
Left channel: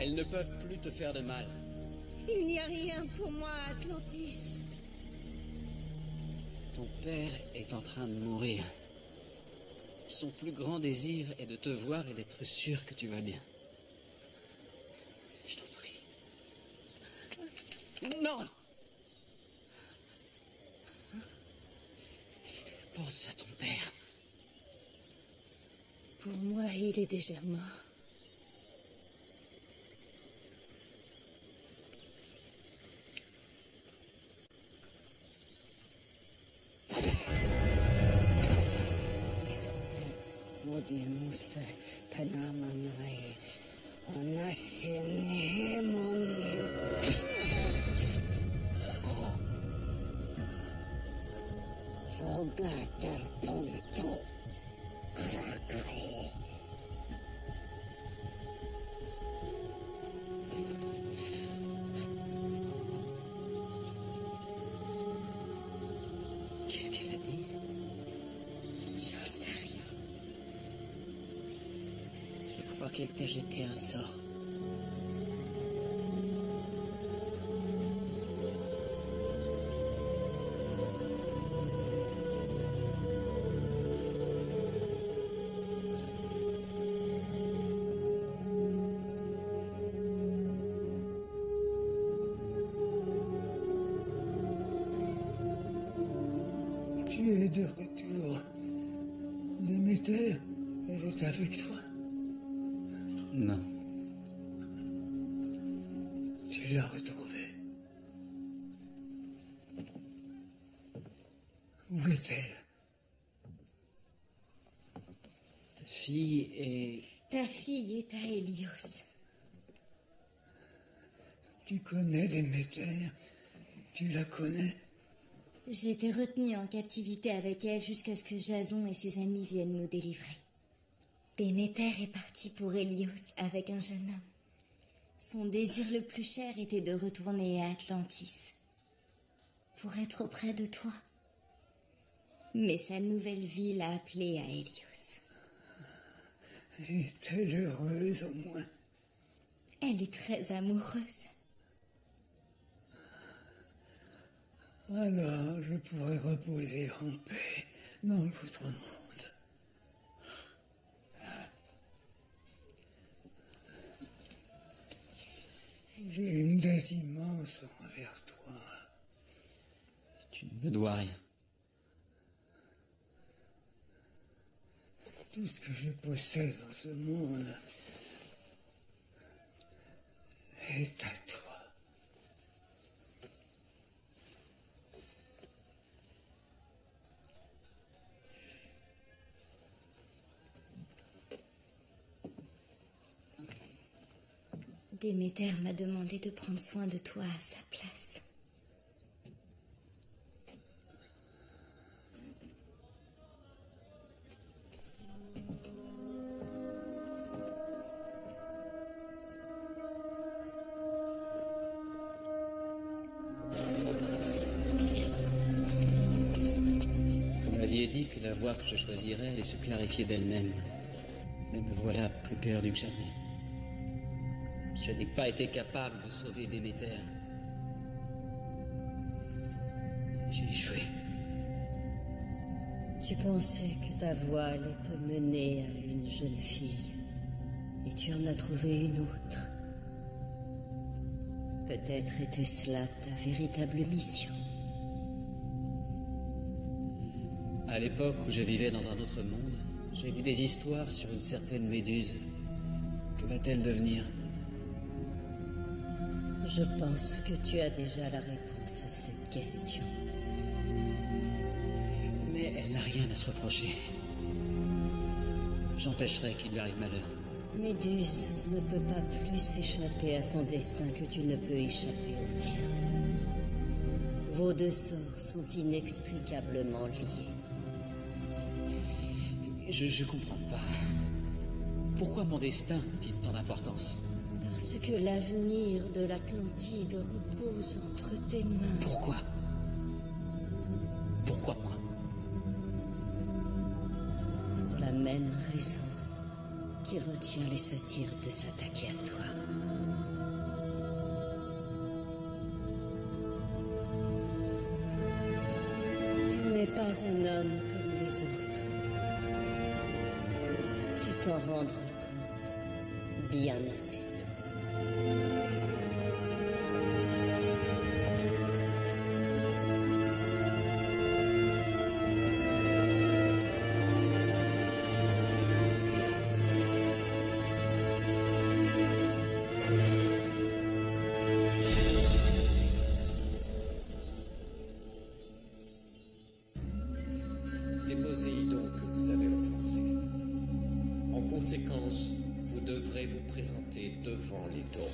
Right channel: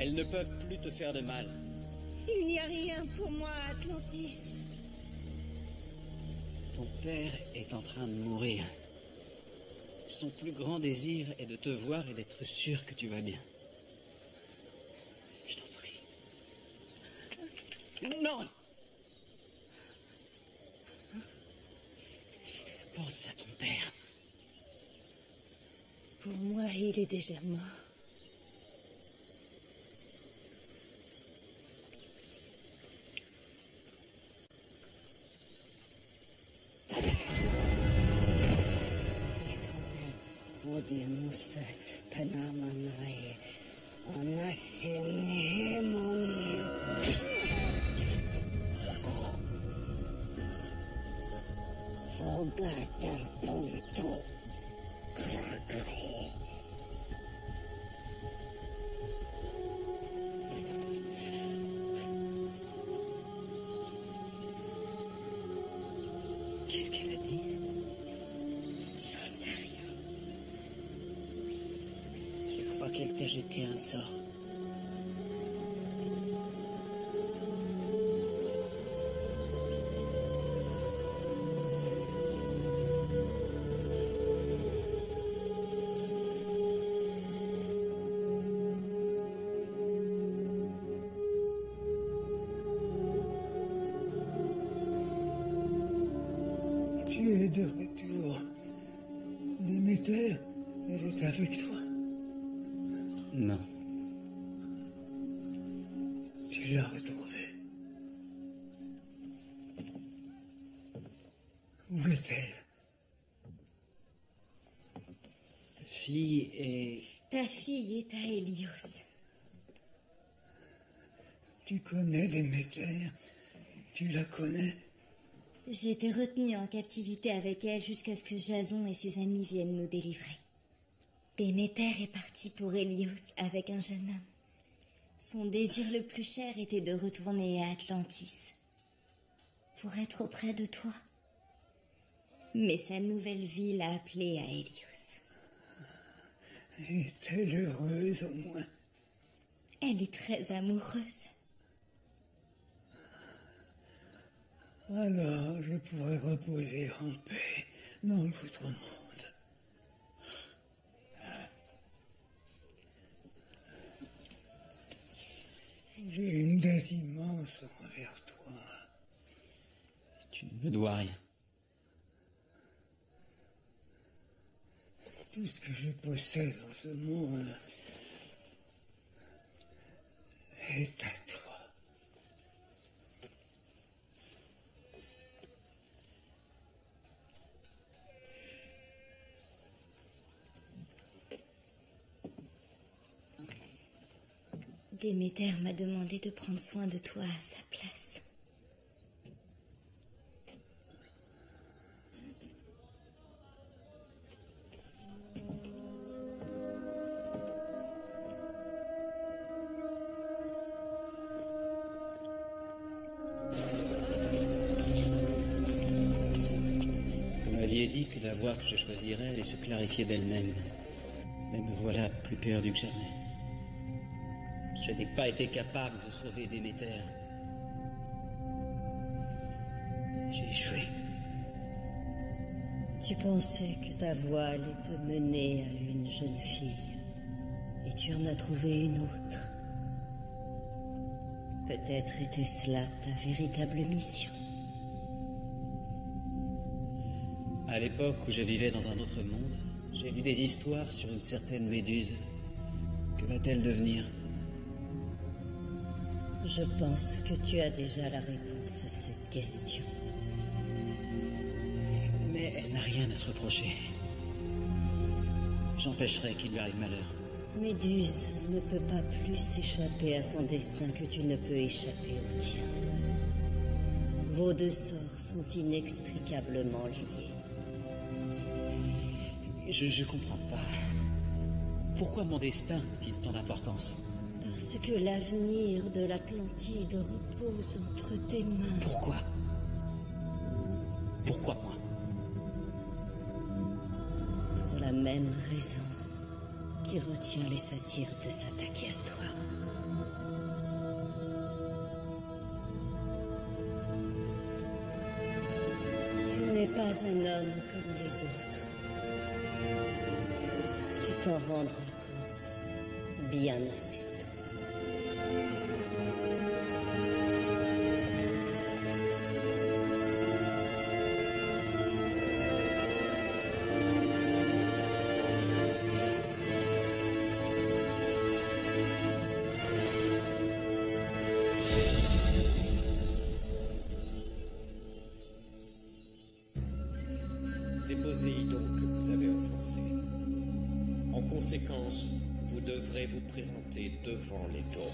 Elles ne peuvent plus te faire de mal. Il n'y a rien pour moi, Atlantis. Ton père est en train de mourir. Son plus grand désir est de te voir et d'être sûr que tu vas bien. Je t'en prie. Non! Pense à ton père. Pour moi, il est déjà mort. Odianus Panamanae Onasinhemon Fogatar Ponto Krakae. Qu'est-ce qu'elle a dit? J'en sais rien. Je crois qu'elle t'a jeté un sort. Tu es de retour. Déméter, elle est avec toi. Non. Tu l'as retrouvée. Où est-elle? Ta fille est... Ta fille est à Hélios. Tu connais Déméter? Tu la connais? J'ai été retenue en captivité avec elle jusqu'à ce que Jason et ses amis viennent nous délivrer. Déméter est parti pour Hélios avec un jeune homme. Son désir le plus cher était de retourner à Atlantis, pour être auprès de toi. Mais sa nouvelle vie l'a appelée à Hélios. Est-elle heureuse au moins? Elle est très amoureuse. Alors je pourrais reposer en paix dans l'autre monde. J'ai une dette immense envers toi. Tu ne me dois rien. Tout ce que je possède dans ce monde est à toi. Déméter m'a demandé de prendre soin de toi à sa place. Vous m'aviez dit que la voie que je choisirais allait se clarifier d'elle-même. Mais me voilà plus perdu que jamais. Je n'ai pas été capable de sauver Déméter. J'ai échoué. Tu pensais que ta voie allait te mener à une jeune fille, et tu en as trouvé une autre. Peut-être était-ce là ta véritable mission. À l'époque où je vivais dans un autre monde, j'ai lu des histoires sur une certaine Méduse. Que va-t-elle devenir ? Je pense que tu as déjà la réponse à cette question. Mais elle n'a rien à se reprocher. J'empêcherai qu'il lui arrive malheur. Méduse ne peut pas plus échapper à son destin que tu ne peux échapper au tien. Vos deux sorts sont inextricablement liés. Je comprends pas. Pourquoi mon destin a-t-il tant d'importance ? Parce que l'avenir de l'Atlantide repose entre tes mains. Pourquoi ? Pourquoi moi ? Pour la même raison qui retient les satyres de s'attaquer à toi. n'es pas un homme comme les autres. Tu t'en rendras compte bien assez tôt. C'est Poséidon que vous avez offensé. En conséquence, vous devrez vous présenter devant les taureaux.